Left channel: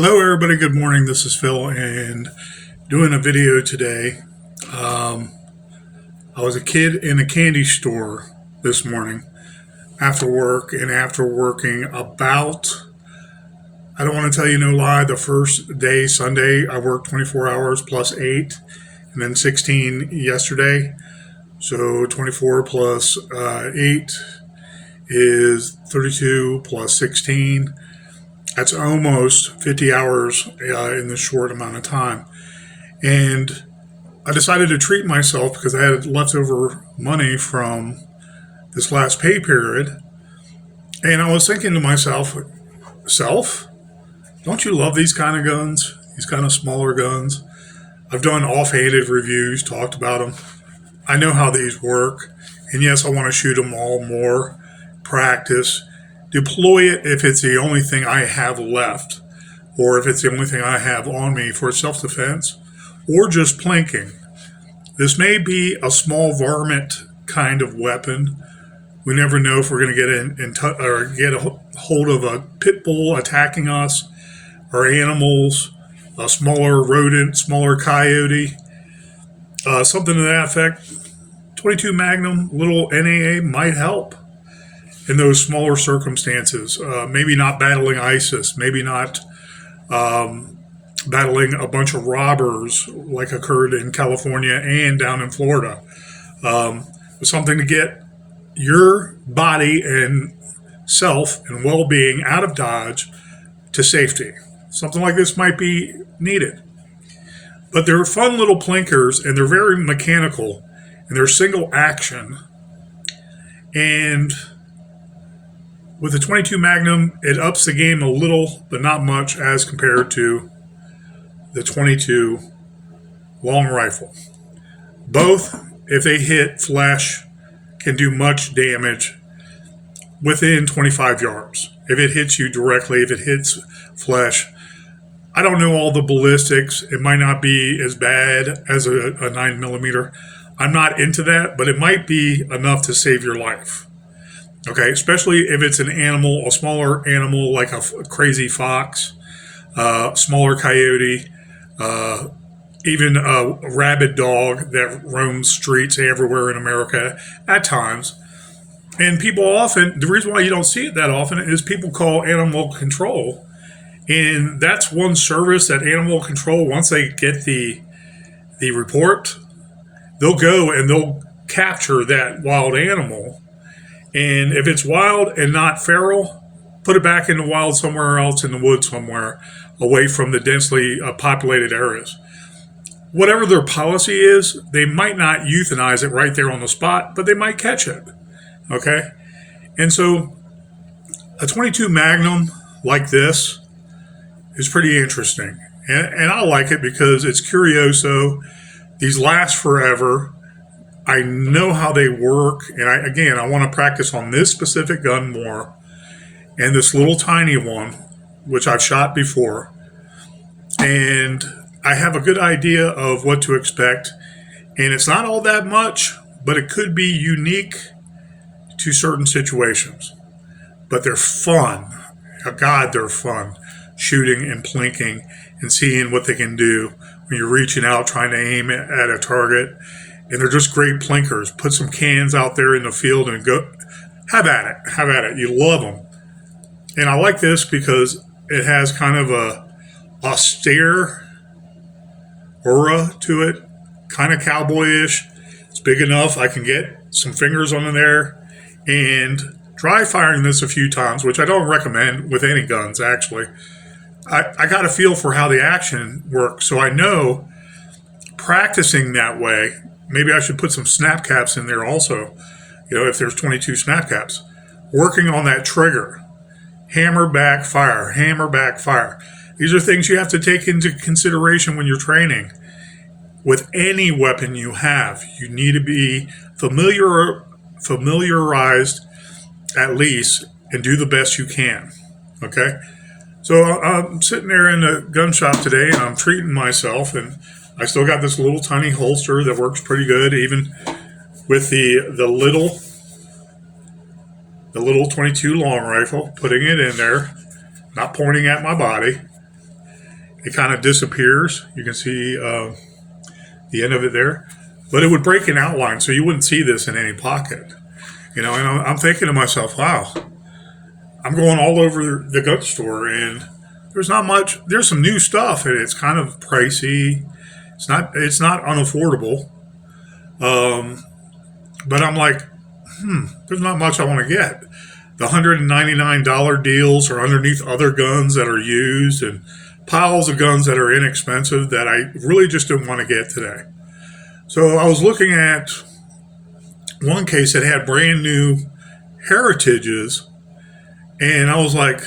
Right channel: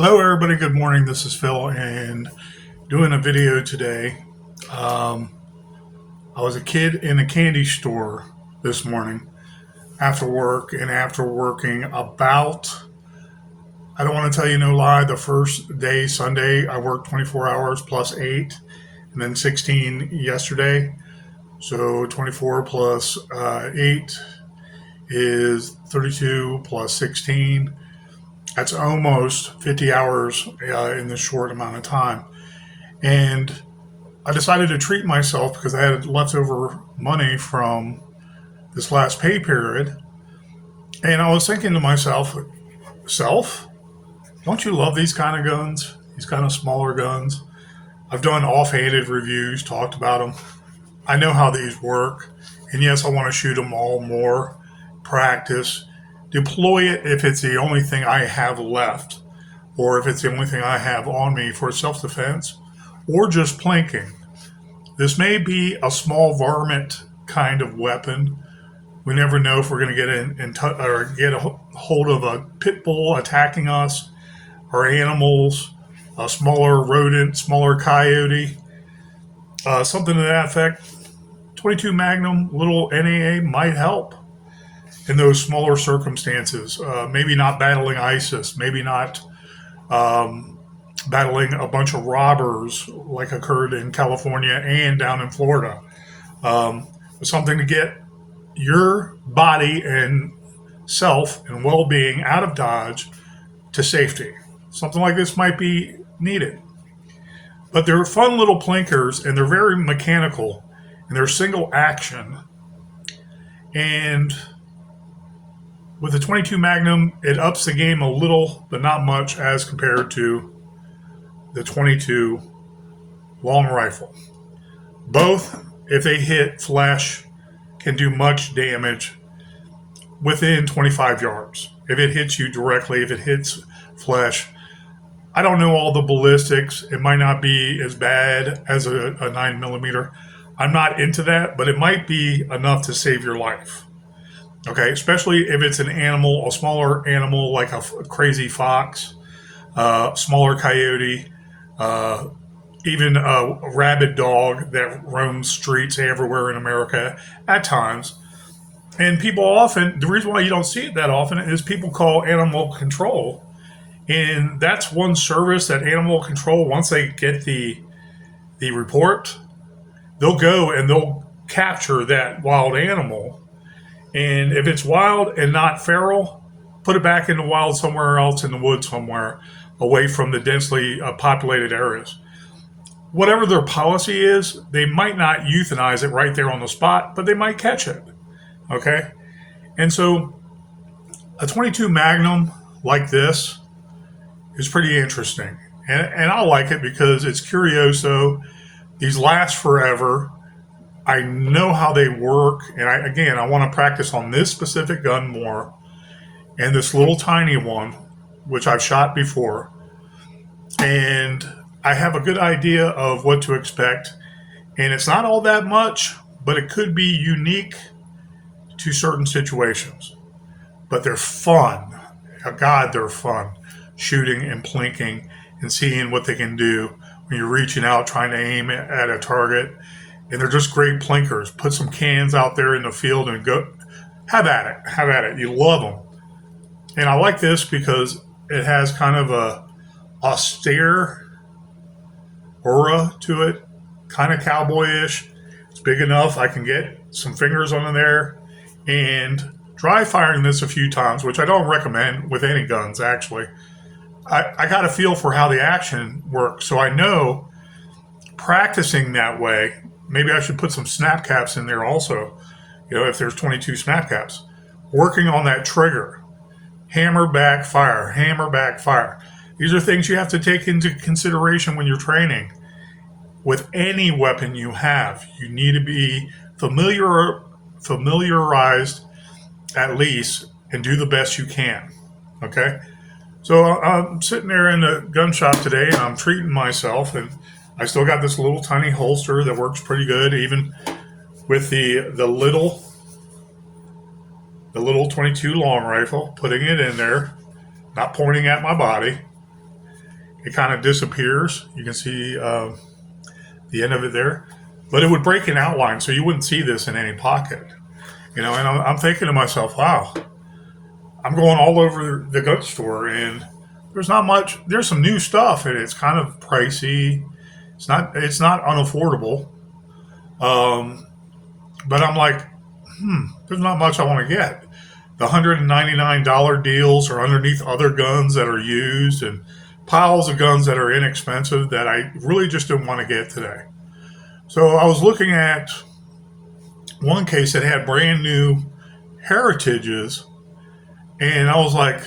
Hello, everybody. Good morning. This is Phil, and doing a video today. Um, I was a kid in a candy store this morning after work, and after working about, I don't want to tell you no lie, the first day, Sunday, I worked 24 hours plus 8, and then 16 yesterday. So 24 plus 8 is 32 plus 16. That's almost 50 hours in this short amount of time. And I decided to treat myself because I had leftover money from this last pay period. And I was thinking to myself, don't you love these kind of guns? These kind of smaller guns? I've done offhanded reviews, talked about them. I know how these work. And yes, I want to shoot them all more, practice, deploy it if it's the only thing I have left, or if it's the only thing I have on me for self-defense, or just plinking. This may be a small varmint kind of weapon. We never know if we're going to get a hold of a pit bull attacking us, or animals, a smaller rodent, smaller coyote, something to that effect. 22 Magnum, little NAA might help in those smaller circumstances. Maybe not battling ISIS, maybe not battling a bunch of robbers like occurred in California and down in Florida. Something to get your body and self and well-being out of Dodge to safety. Something like this might be needed. But they're fun little plinkers, and they're very mechanical, and they're single action. And with the 22 Magnum, it ups the game a little, but not much as compared to the 22 long rifle. Both, if they hit flesh, can do much damage within 25 yards. If it hits you directly, if it hits flesh, I don't know all the ballistics. It might not be as bad as a 9mm. I'm not into that, but it might be enough to save your life. Okay, especially if it's an animal, a smaller animal like a crazy fox, smaller coyote, even a rabid dog that roams streets everywhere in America at times. And people often, the reason why you don't see it that often is people call animal control. And that's one service that animal control, once they get the report, they'll go and they'll capture that wild animal. And if it's wild and not feral, put it back in the wild somewhere else in the woods somewhere, away from the densely populated areas. Whatever their policy is, they might not euthanize it right there on the spot, but they might catch it. Okay? And so a 22 Magnum like this is pretty interesting. And I like it because it's curioso. These last forever. I know how they work, and I want to practice on this specific gun more, and this little tiny one, which I've shot before, and I have a good idea of what to expect, and it's not all that much, but it could be unique to certain situations. But they're fun. God, they're fun, shooting and plinking and seeing what they can do when you're reaching out trying to aim at a target. And they're just great plinkers. Put some cans out there in the field and go. Have at it. Have at it. You love them. And I like this because it has kind of a austere aura to it. Kind of cowboyish. It's big enough. I can get some fingers on there. And dry firing this a few times, which I don't recommend with any guns, actually. I got a feel for how the action works. So I know practicing that way. Maybe I should put some snap caps in there also, if there's 22 snap caps. Working on that trigger. Hammer back fire, hammer back fire. These are things you have to take into consideration when you're training. With any weapon you have, you need to be familiarized at least and do the best you can. Okay? So I'm sitting there in the gun shop today and I'm treating myself, and I still got this little tiny holster that works pretty good, even with the little 22 long rifle, putting it in there, not pointing at my body. it kind of disappears. You can see the end of it there, but it would break in outline, so you wouldn't see this in any pocket. And I'm thinking to myself, wow, I'm going all over the gun store, and there's not much. There's some new stuff, and it's kind of pricey. It's not unaffordable. But I'm like, there's not much I want to get. The $199 deals are underneath other guns that are used, and piles of guns that are inexpensive that I really just didn't want to get today. So I was looking at one case that had brand new Heritages, and I was like,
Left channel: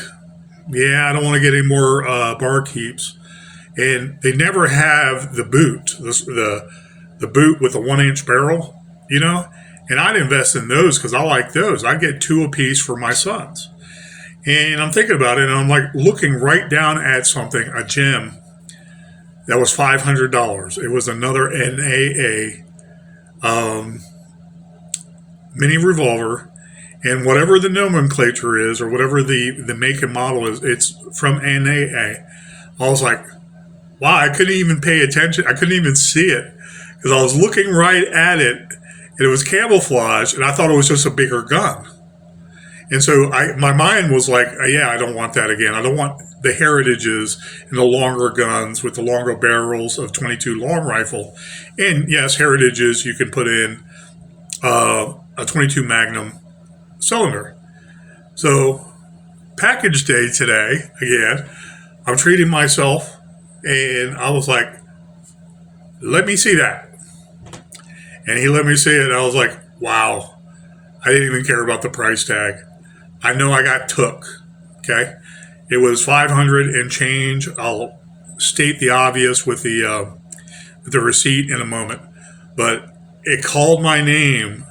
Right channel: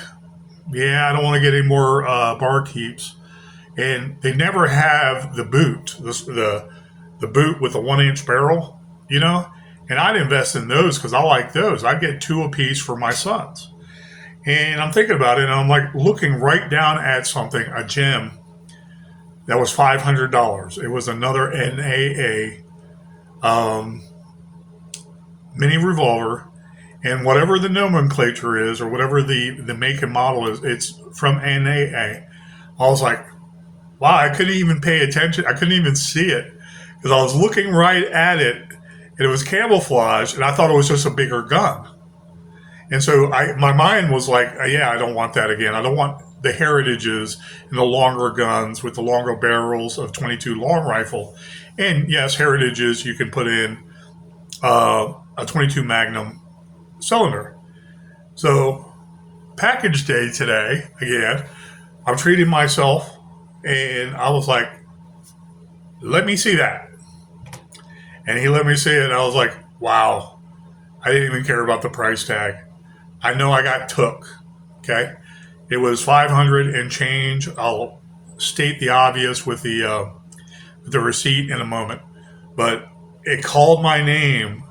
yeah, I don't want to get any more bar keeps. And they never have the boot, the boot with the 1-inch barrel, and I'd invest in those because I like those. I get 2 apiece for my sons. And I'm thinking about it, and I'm like looking right down at something, a gem that was $500. It was another NAA mini revolver, and whatever the nomenclature is, or whatever the make and model is, it's from NAA. I was like, wow, I couldn't even pay attention. I couldn't even see it because I was looking right at it, and it was camouflage, and I thought it was just a bigger gun. And so my mind was like, yeah, I don't want that again. I don't want the Heritages and the longer guns with the longer barrels of 22 long rifle. And yes, Heritages, you can put in a 22 Magnum cylinder. So package day today, again, I'm treating myself, and I was like, let me see that. And he let me see it. I was like, wow, I didn't even care about the price tag. I know I got took. Okay. It was 500 and change. I'll state the obvious with the receipt in a moment, but it called my name,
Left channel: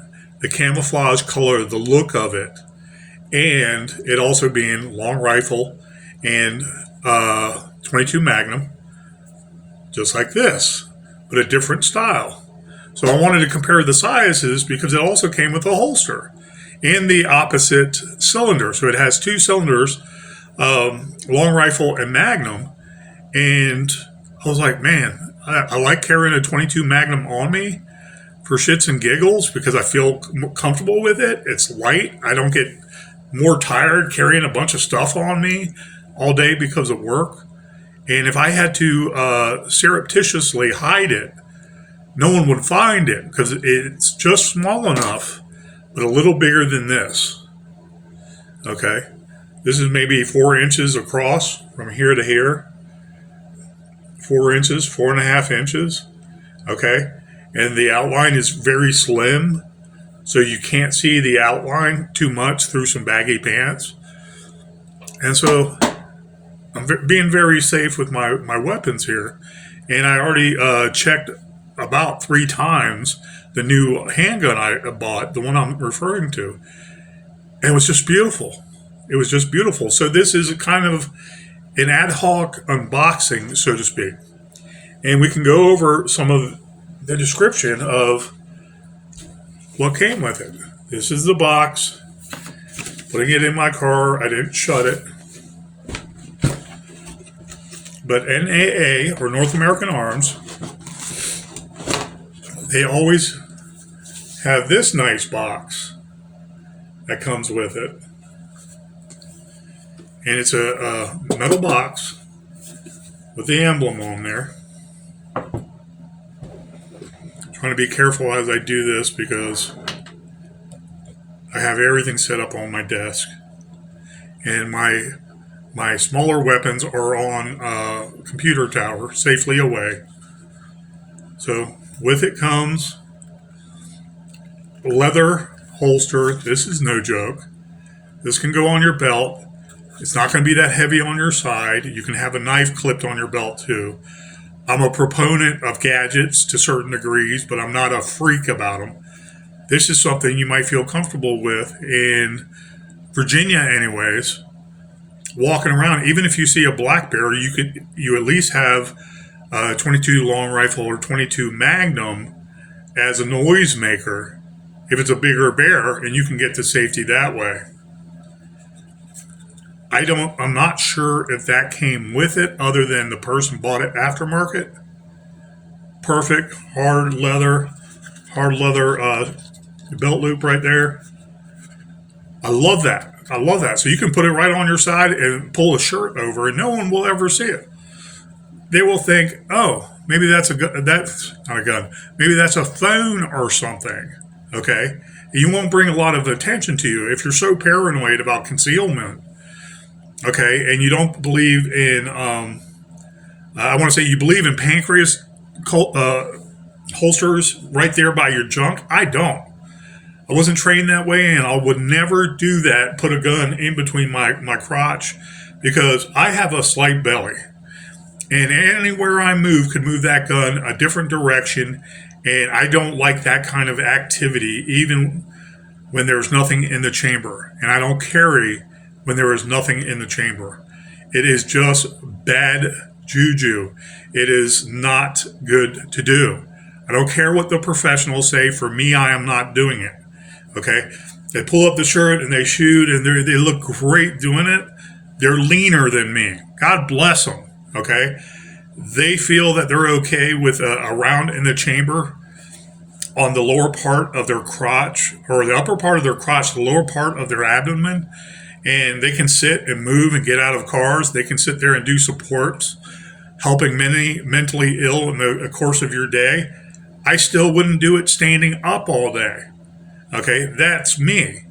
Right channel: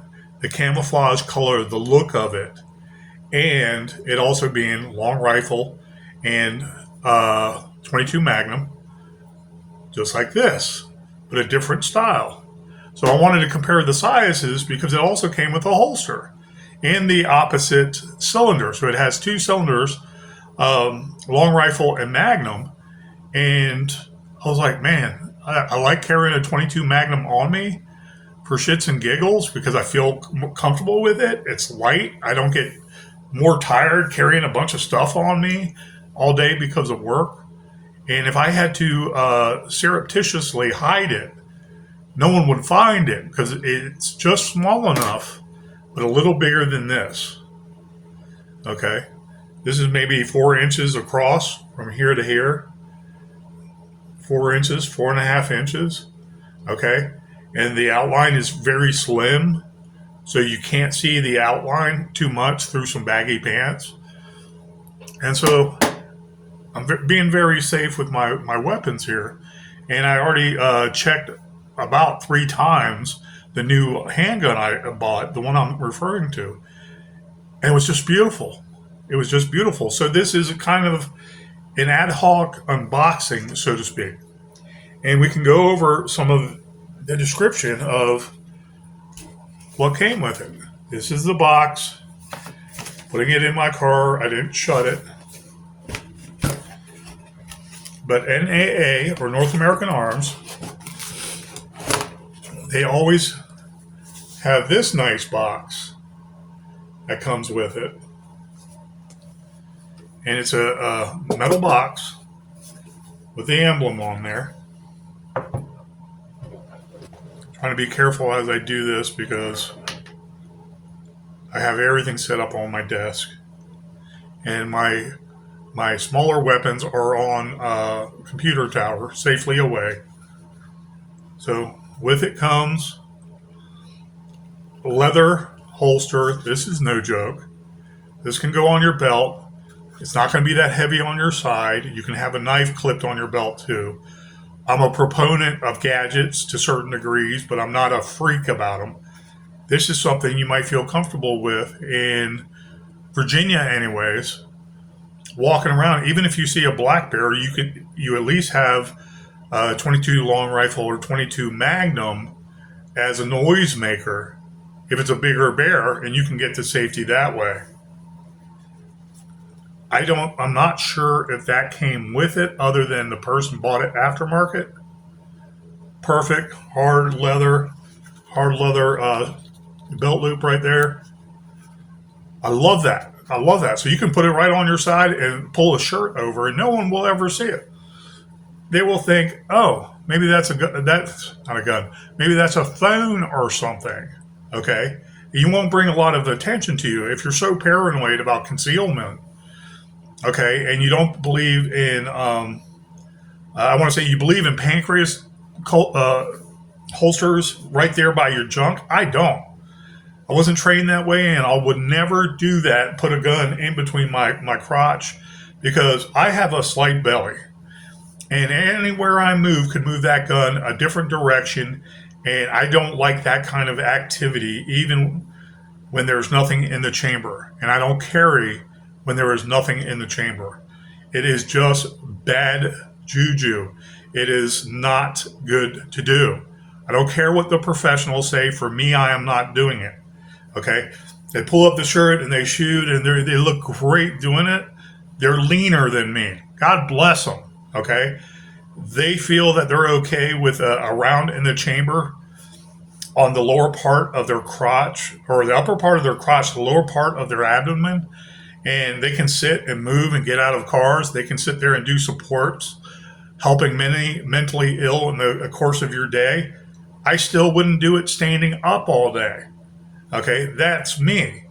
the camouflage color, the look of it, and it also being long rifle and 22 Magnum, just like this, but a different style. So I wanted to compare the sizes because it also came with a holster and the opposite cylinder. So it has 2 cylinders, long rifle and Magnum. And I was like, man, I like carrying a 22 Magnum on me for shits and giggles because I feel comfortable with it. It's light. I don't get more tired carrying a bunch of stuff on me all day because of work. And if I had to surreptitiously hide it, no one would find it because it's just small enough, but a little bigger than this. Okay. This is maybe 4 inches across from here to here. 4 inches, 4.5 inches. Okay. And the outline is very slim, so you can't see the outline too much through some baggy pants. And so I'm being very safe with my weapons here. And I already checked about 3 times the new handgun I bought, the one I'm referring to. And it was just beautiful. It was just beautiful. So this is a kind of an ad hoc unboxing, so to speak. And we can go over some of the description of what came with it. This is the box. Putting it in my car. I didn't shut it. But NAA, or North American Arms, they always have this nice box that comes with it. And it's a metal box with the emblem on there. I'm trying to be careful as I do this because I have everything set up on my desk. And my smaller weapons are on a computer tower, safely away. So with it comes a leather holster. This is no joke. This can go on your belt. It's not going to be that heavy on your side. You can have a knife clipped on your belt too. I'm a proponent of gadgets to certain degrees, but I'm not a freak about them. This is something you might feel comfortable with in Virginia anyways. Walking around, even if you see a black bear, you at least have 22 long rifle or 22 Magnum as a noise maker if it's a bigger bear, and you can get to safety that way. I'm not sure if that came with it other than the person bought it aftermarket. Perfect hard leather belt loop right there. I love that. I love that. So you can put it right on your side and pull a shirt over, and no one will ever see it. They will think, oh, maybe that's a gun. That's not a gun. Maybe that's a phone or something. Okay, you won't bring a lot of attention to you if you're so paranoid about concealment. Okay, and you don't believe in. I want to say you believe in pancreas holsters right there by your junk. I don't. I wasn't trained that way, and I would never do that. Put a gun in between my crotch because I have a slight belly, and anywhere I move could move that gun a different direction, and I don't like that kind of activity, even when there's nothing in the chamber, and I don't carry when there is nothing in the chamber. It is just bad juju. It is not good to do. I don't care what the professionals say. For me, I am not doing it. Okay? They pull up the shirt and they shoot and they look great doing it. They're leaner than me. God bless them. Okay? They feel that they're okay with a round in the chamber on the lower part of their crotch or the upper part of their crotch, the lower part of their abdomen, and they can sit and move and get out of cars. They can sit there and do supports, helping many mentally ill in the course of your day. I still wouldn't do it standing up all day. Okay, that's me.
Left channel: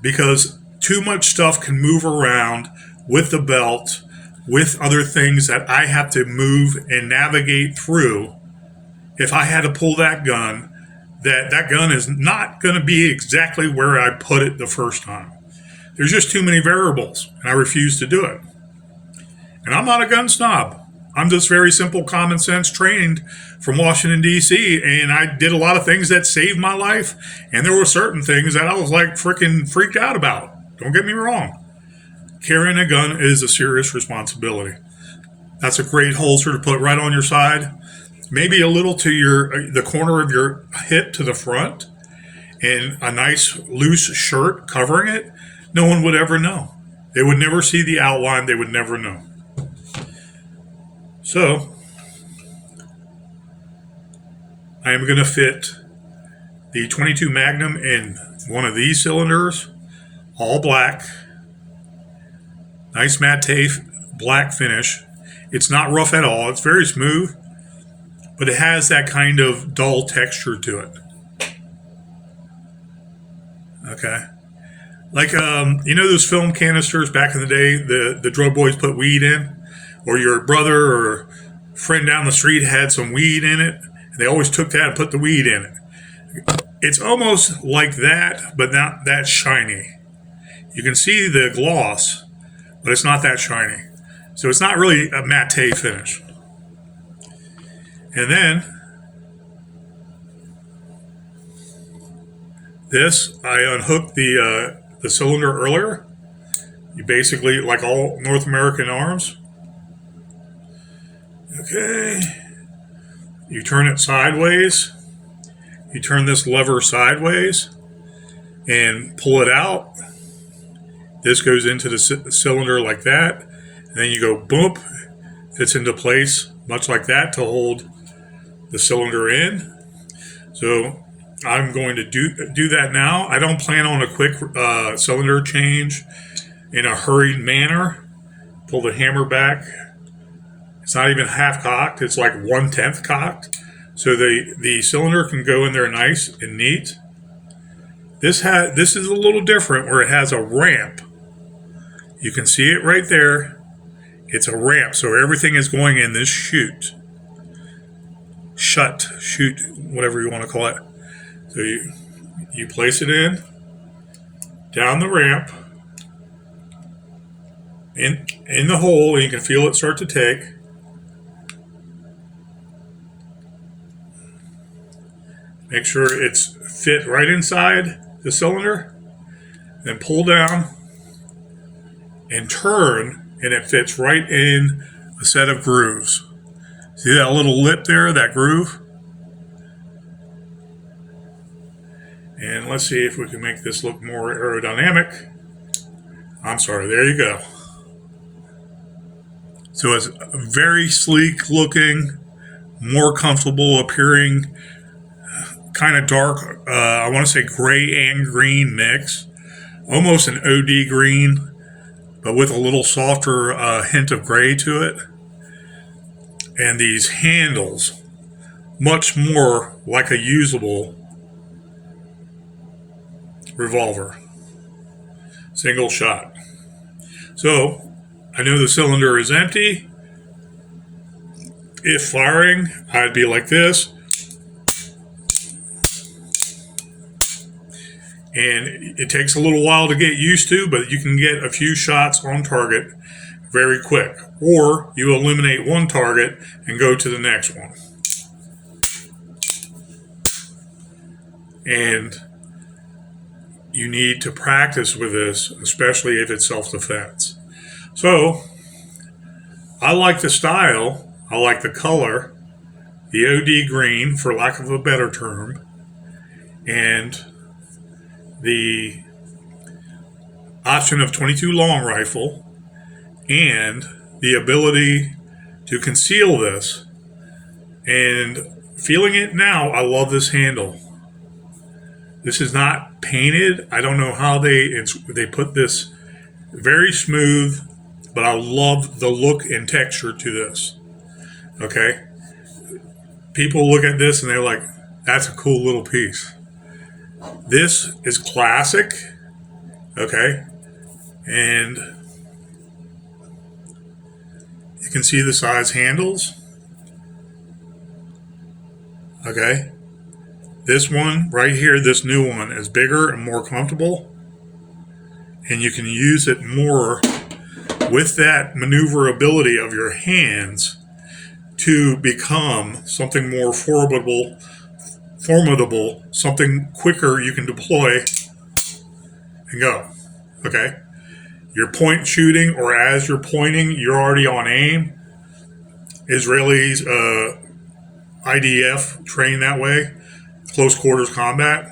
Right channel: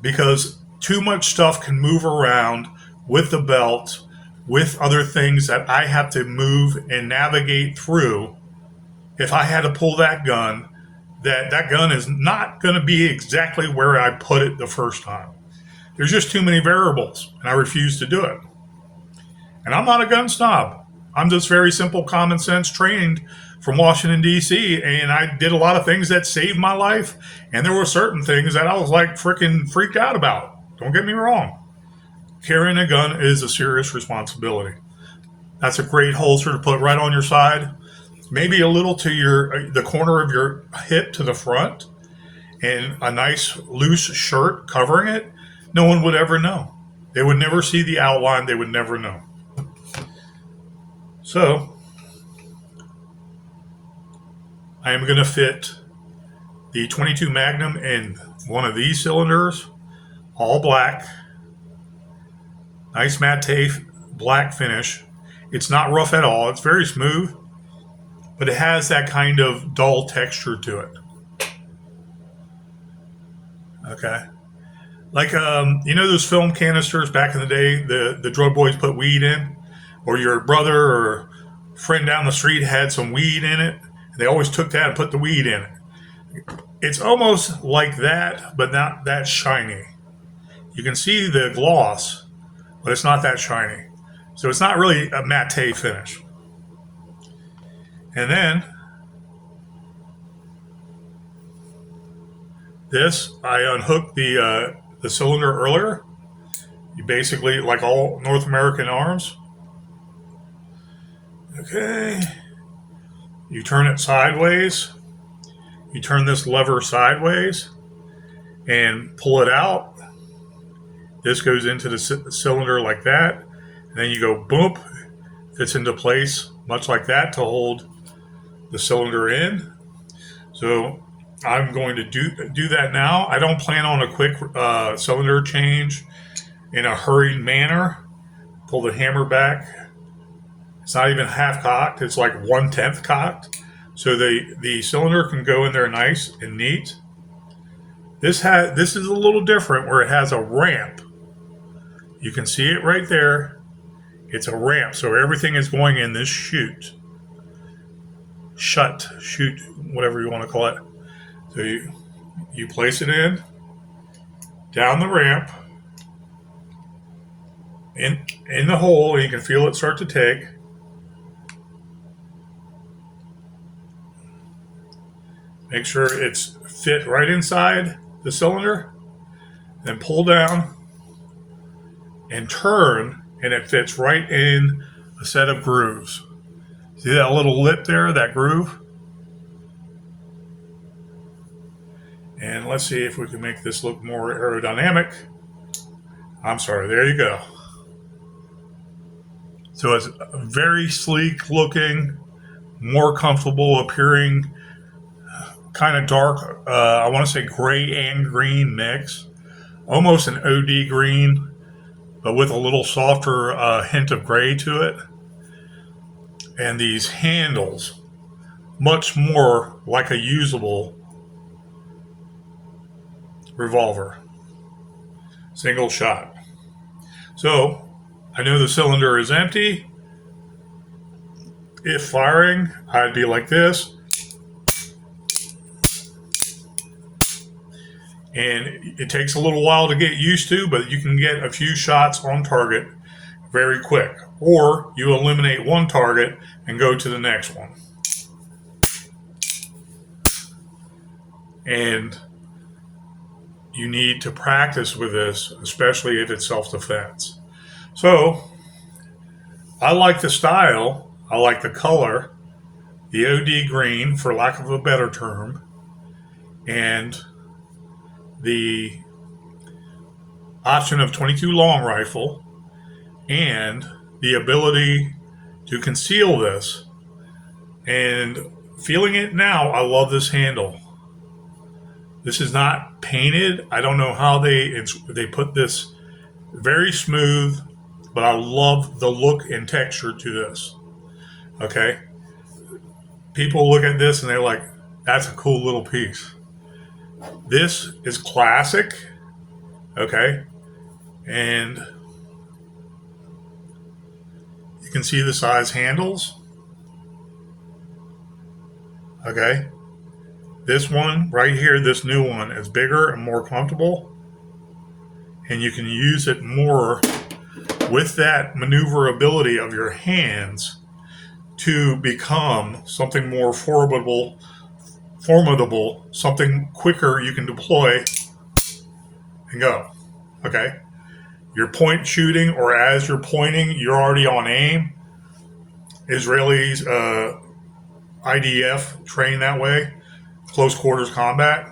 Because too much stuff can move around with the belt, with other things that I have to move and navigate through. If I had to pull that gun, that gun is not going to be exactly where I put it the first time. There's just too many variables, and I refuse to do it. And I'm not a gun snob. I'm just very simple, common sense trained from Washington, D.C., and I did a lot of things that saved my life, and there were certain things that I was like freaking freaked out about. Don't get me wrong. Carrying a gun is a serious responsibility. That's a great holster to put right on your side, maybe a little to the corner of your hip to the front, and a nice loose shirt covering it. No one would ever know. They would never see the outline. They would never know. So, I am going to fit the 22 Magnum in one of these cylinders, all black, nice matte black finish. It's not rough at all. It's very smooth, but it has that kind of dull texture to it. Okay. Like, those film canisters back in the day, the drug boys put weed in, or your brother or friend down the street had some weed in it, and they always took that and put the weed in it. It's almost like that, but not that shiny. You can see the gloss, but it's not that shiny. So it's not really a matte finish. And then this, I unhooked the cylinder earlier. You basically, like all North American arms. Okay. You turn it sideways. You turn this lever sideways and pull it out. This goes into the cylinder like that. And then you go boom, fits into place much like that to hold the cylinder in. So I'm going to do that now. I don't plan on a quick cylinder change in a hurried manner. Pull the hammer back. It's not even half cocked. It's like 1/10 cocked. So the cylinder can go in there nice and neat. This is a little different where it has a ramp. You can see it right there. It's a ramp, so everything is going in this chute, whatever you want to call it. So you place it in, down the ramp, in the hole, and you can feel it start to take. Make sure it's fit right inside the cylinder, then pull down and turn, and it fits right in a set of grooves. See that little lip there, that groove? And let's see if we can make this look more aerodynamic. I'm sorry, there you go. So it's very sleek looking, more comfortable appearing, kind of dark, I want to say gray and green mix, almost an OD green, but with a little softer hint of gray to it. And these handles, much more like a usable revolver, single shot. So I know the cylinder is empty. If firing, I'd be like this. And it takes a little while to get used to, but you can get a few shots on target very quick. Or you eliminate one target and go to the next one. And you need to practice with this, especially if it's self-defense. So, I like the style, I like the color, the OD green, for lack of a better term, and the option of 22 long rifle, and the ability to conceal this. And feeling it now, I love this handle. This is not painted. I don't know how they put this very smooth, but I love the look and texture to this. Okay? People look at this and they're like, that's a cool little piece. This is classic. Okay? And you can see the size handles. Okay? This one right here, this new one, is bigger and more comfortable. And you can use it more with that maneuverability of your hands to become something more formidable, something quicker you can deploy and go. Okay? You're point shooting, or as you're pointing, you're already on aim. Israelis, IDF train that way. Close quarters combat.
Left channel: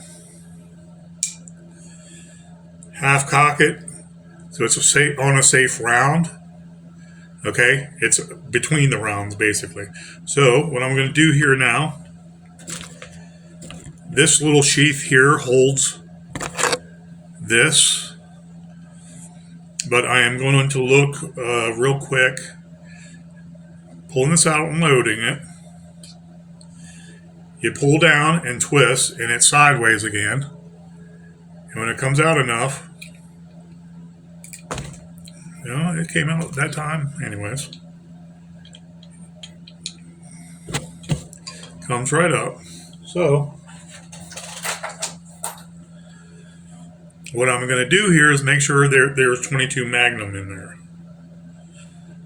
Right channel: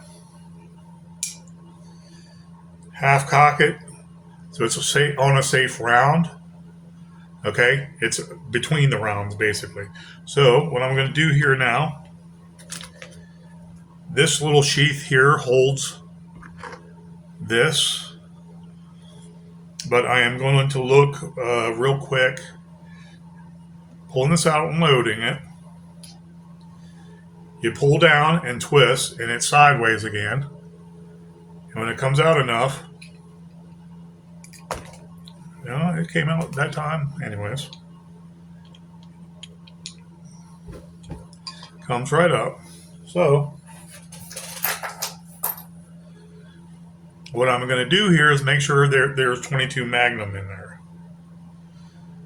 Half cock it, so it's on a safe round. Okay, it's between the rounds basically. So what I'm going to do here now, this little sheath here holds this, but I am going to look real quick, pulling this out and loading it. You pull down and twist, and it's sideways again. And when it comes out enough, it came out that time anyways. Comes right up. So, what I'm going to do here is make sure there's 22 Magnum in there.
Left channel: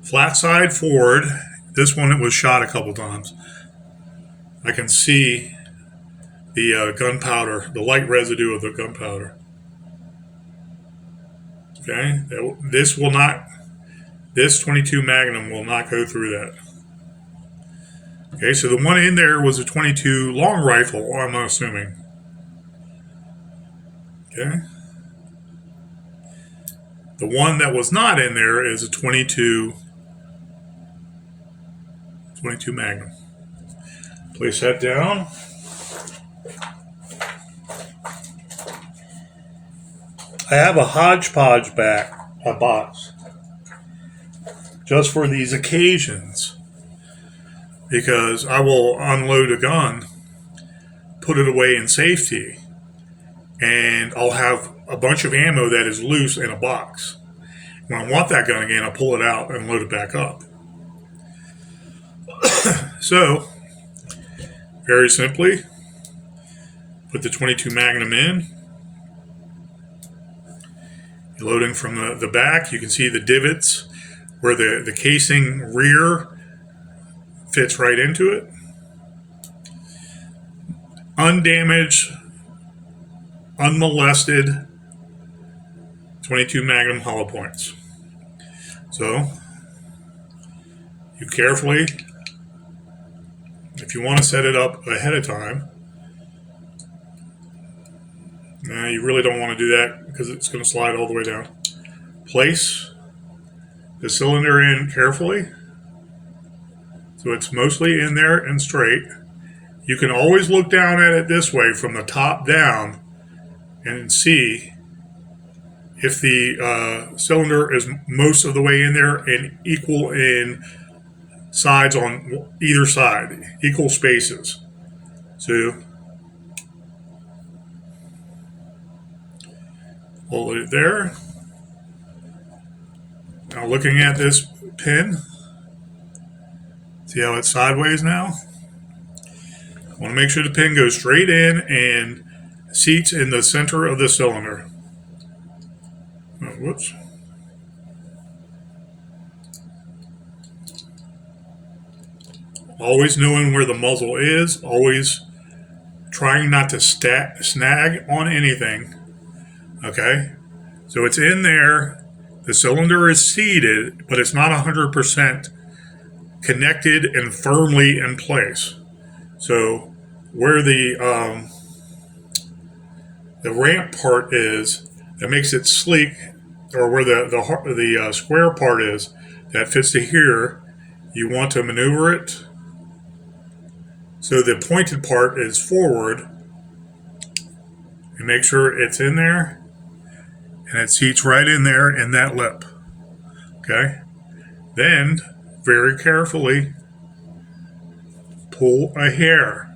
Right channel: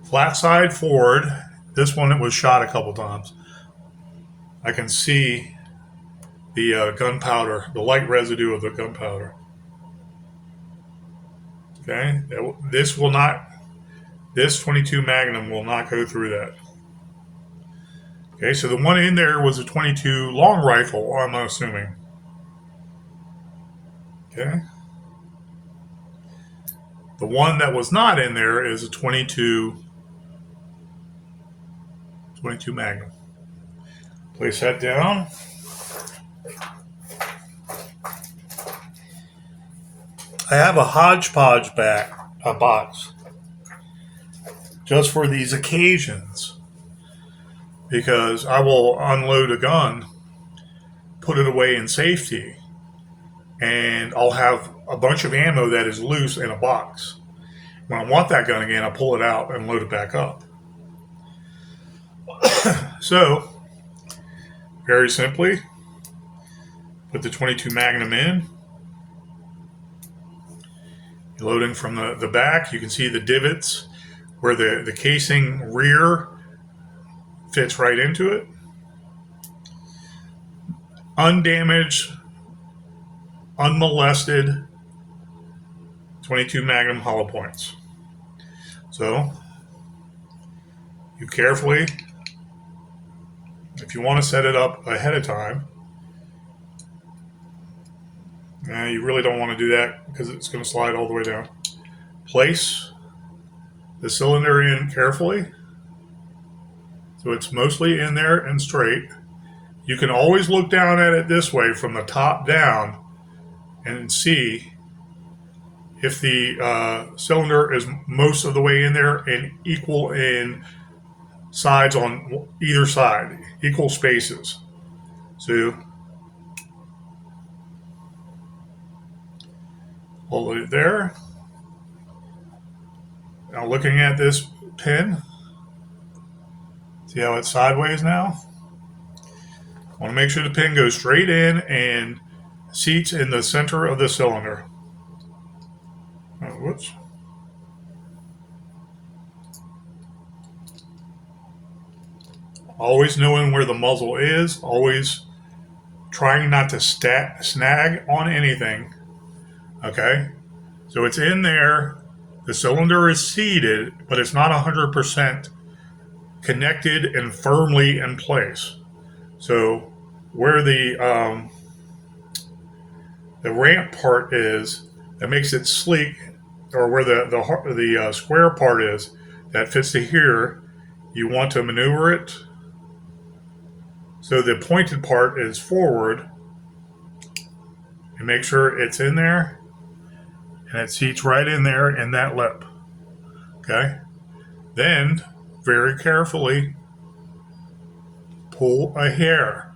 Flat side forward. This one, it was shot a couple times. I can see the gunpowder, the light residue of the gunpowder. Okay, this 22 Magnum will not go through that. Okay, so the one in there was a 22 long rifle, I'm assuming. Okay. The one that was not in there is a 22 Magnum. Place that down. I have a hodgepodge box just for these occasions, because I will unload a gun, put it away in safety, and I'll have a bunch of ammo that is loose in a box. When I want that gun again, I'll pull it out and load it back up. So, very simply, put the 22 Magnum in. Loading from the back, you can see the divots where the casing rear fits right into it. Undamaged, unmolested 22 Magnum hollow points. So, you carefully, if you want to set it up ahead of time, you really don't want to do that because it's going to slide all the way down. Place the cylinder in carefully. So it's mostly in there and straight. You can always look down at it this way from the top down and see if the cylinder is most of the way in there and equal in sides on either side, equal spaces. So hold it there. Now looking at this pin, see how it's sideways now? I want to make sure the pin goes straight in and seats in the center of the cylinder. Oh, whoops. Always knowing where the muzzle is, always trying not to snag on anything. Okay? So it's in there. The cylinder is seated, but it's not 100% connected and firmly in place. So where the ramp part is, that makes it sleek, or where the square part is, that fits to here, you want to maneuver it so the pointed part is forward, and make sure it's in there, and it seats right in there in that lip. Okay? Then, very carefully, pull a hair.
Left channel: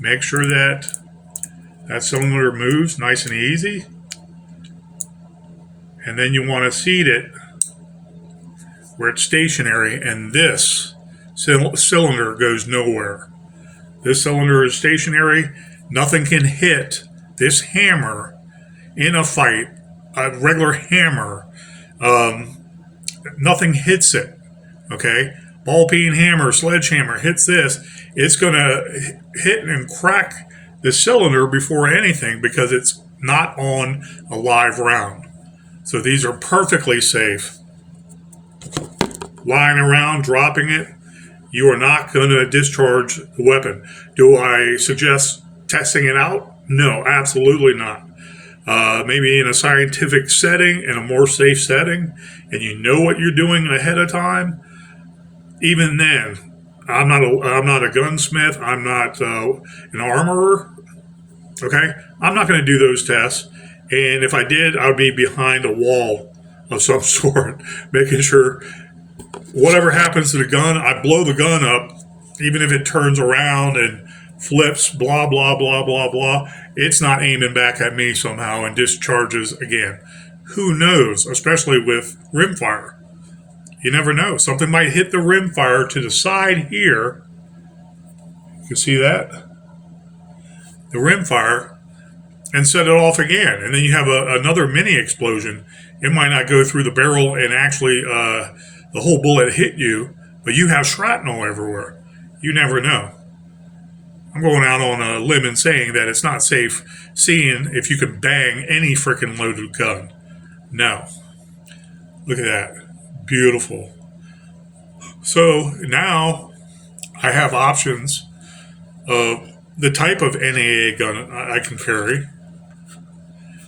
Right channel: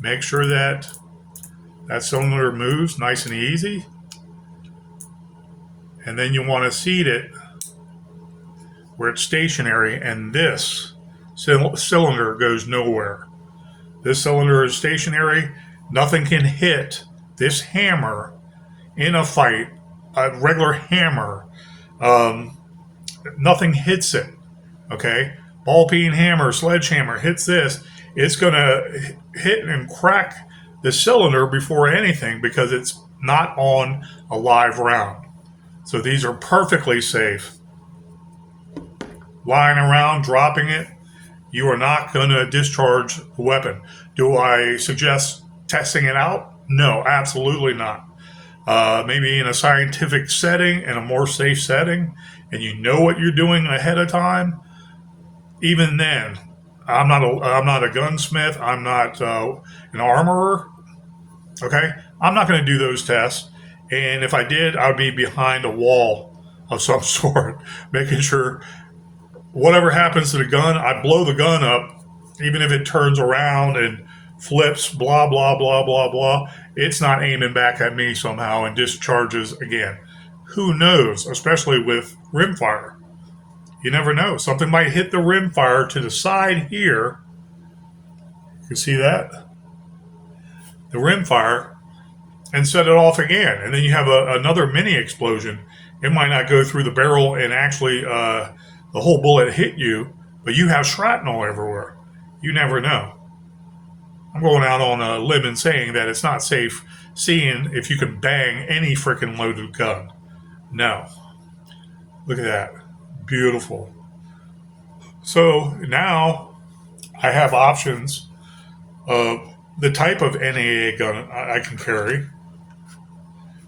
Make sure that cylinder moves nice and easy. And then you want to seat it where it's stationary, and this cylinder goes nowhere. This cylinder is stationary. Nothing can hit this hammer in a fight. A regular hammer, nothing hits it. Okay? Ball peen hammer, sledgehammer hits this, it's going to hit and crack the cylinder before anything because it's not on a live round. So these are perfectly safe. Lying around, dropping it, you are not going to discharge the weapon. Do I suggest testing it out? No, absolutely not. Maybe in a scientific setting, in a more safe setting, and you know what you're doing ahead of time. Even then, I'm not a gunsmith. I'm not an armorer. Okay, I'm not going to do those tests. And if I did, I'd be behind a wall of some sort, making sure whatever happens to the gun, I blow the gun up, even if it turns around and flips, blah, blah, blah, blah, blah. It's not aiming back at me somehow and discharges again. Who knows, especially with rimfire. You never know. Something might hit the rimfire to the side here. You can see that? The rimfire, and set it off again. And then you have another mini explosion. It might not go through the barrel and actually the whole bullet hit you, but you have shrapnel everywhere. You never know. I'm going out on a limb and saying that it's not safe seeing if you can bang any freaking loaded gun. No. Look at that. Beautiful. So now I have options of the type of NAA gun I can carry.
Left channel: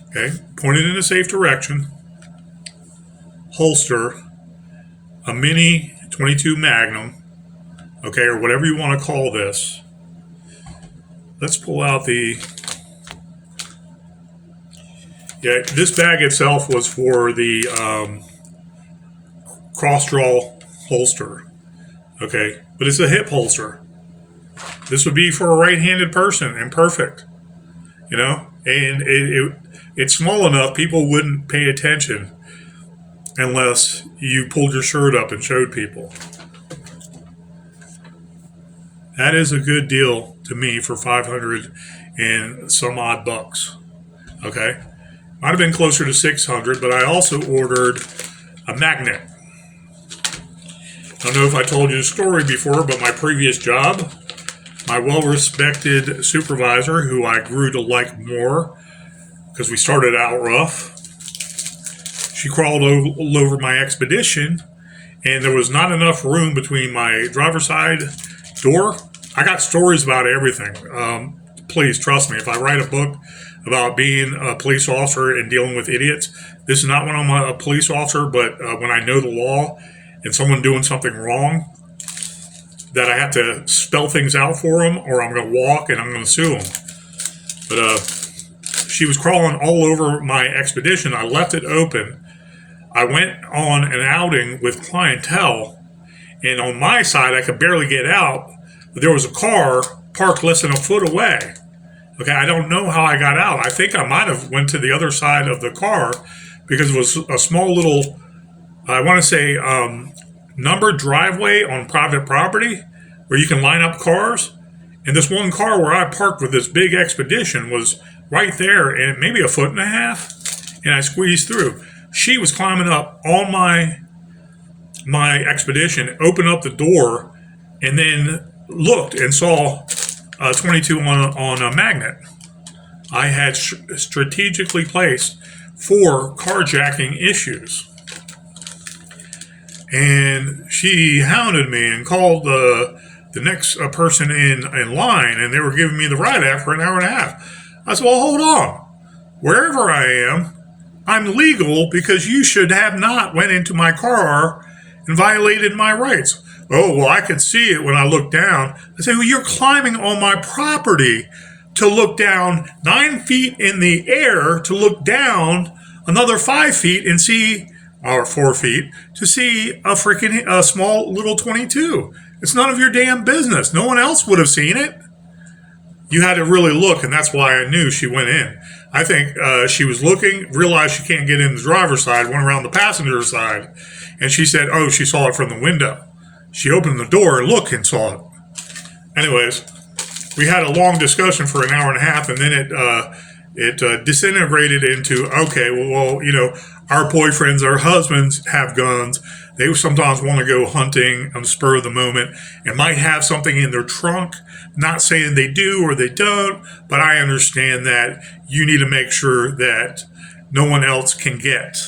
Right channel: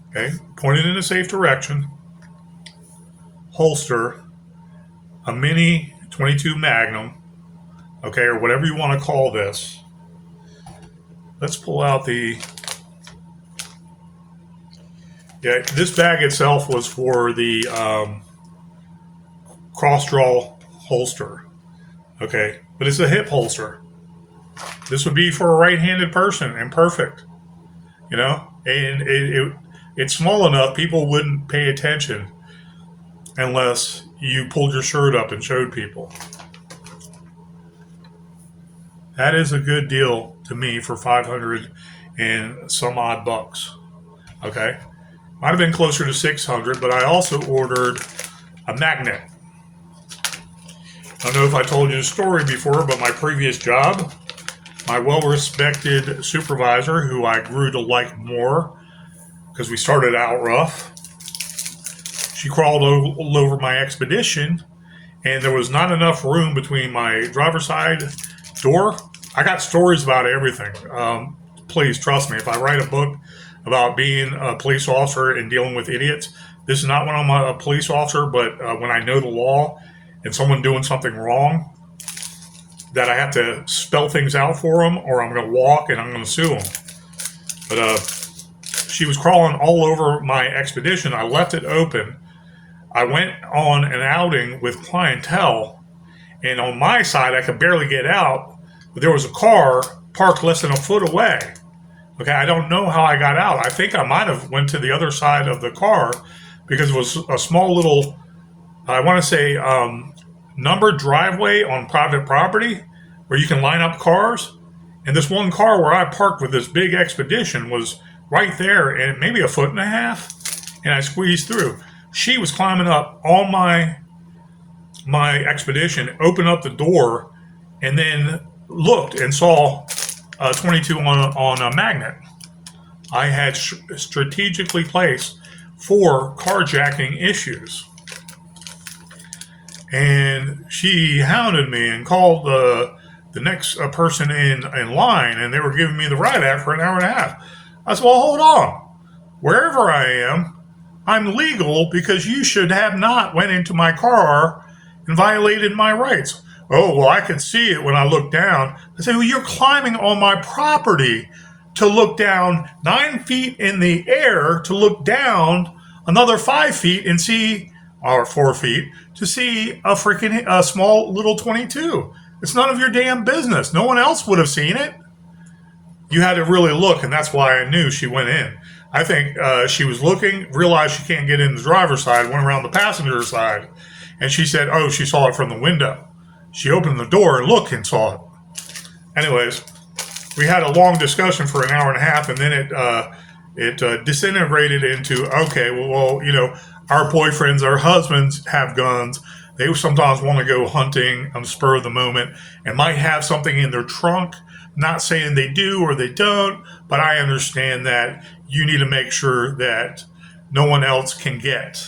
Okay, point it in a safe direction, holster, a mini 22 Magnum, okay, or whatever you want to call this. Let's pull out this bag itself was for the cross-draw holster, okay, but it's a hip holster. This would be for a right-handed person and perfect, and it's small enough people wouldn't pay attention unless you pulled your shirt up and showed people. That is a good deal to me for 500 and some odd bucks. Okay? Might have been closer to 600, but I also ordered a magnet. I don't know if I told you the story before, but my previous job, my well-respected supervisor, who I grew to like more because we started out rough, she crawled over my expedition, and there was not enough room between my driver's side door. I got stories about everything. Please trust me. If I write a book about being a police officer and dealing with idiots, this is not when I'm a police officer, but when I know the law, and someone doing something wrong, that I have to spell things out for them, or I'm going to walk and I'm going to sue them. But she was crawling all over my expedition. I left it open. I went on an outing with clientele, and on my side, I could barely get out. But there was a car parked less than a foot away. Okay, I don't know how I got out. I think I might have went to the other side of the car because it was a small little, I want to say, numbered driveway on private property where you can line up cars. And this one car where I parked with this big expedition was right there, and maybe a foot and a half, and I squeezed through. She was climbing up on my expedition, opened up the door, and then looked and saw 22 on a magnet. I had strategically placed for carjacking issues. And she hounded me and called the next person in line, and they were giving me the ride out for an hour and a half. I said, well, hold on. Wherever I am, I'm legal because you should have not went into my car and violated my rights. Oh, well, I could see it when I looked down. I said, well, you're climbing on my property to look down 9 feet in the air, to look down another 5 feet and see, or 4 feet, to see a small little 22. It's none of your damn business. No one else would have seen it. You had to really look, and that's why I knew she went in. I think she was looking, realized she can't get in the driver's side, went around the passenger side, and she said, oh, she saw it from the window. She opened the door and looked and saw it. Anyways, we had a long discussion for an hour and a half, and then it disintegrated into, okay, well, you know, our boyfriends, our husbands have guns. They sometimes want to go hunting on the spur of the moment and might have something in their trunk. Not saying they do or they don't, but I understand that you need to make sure that no one else can get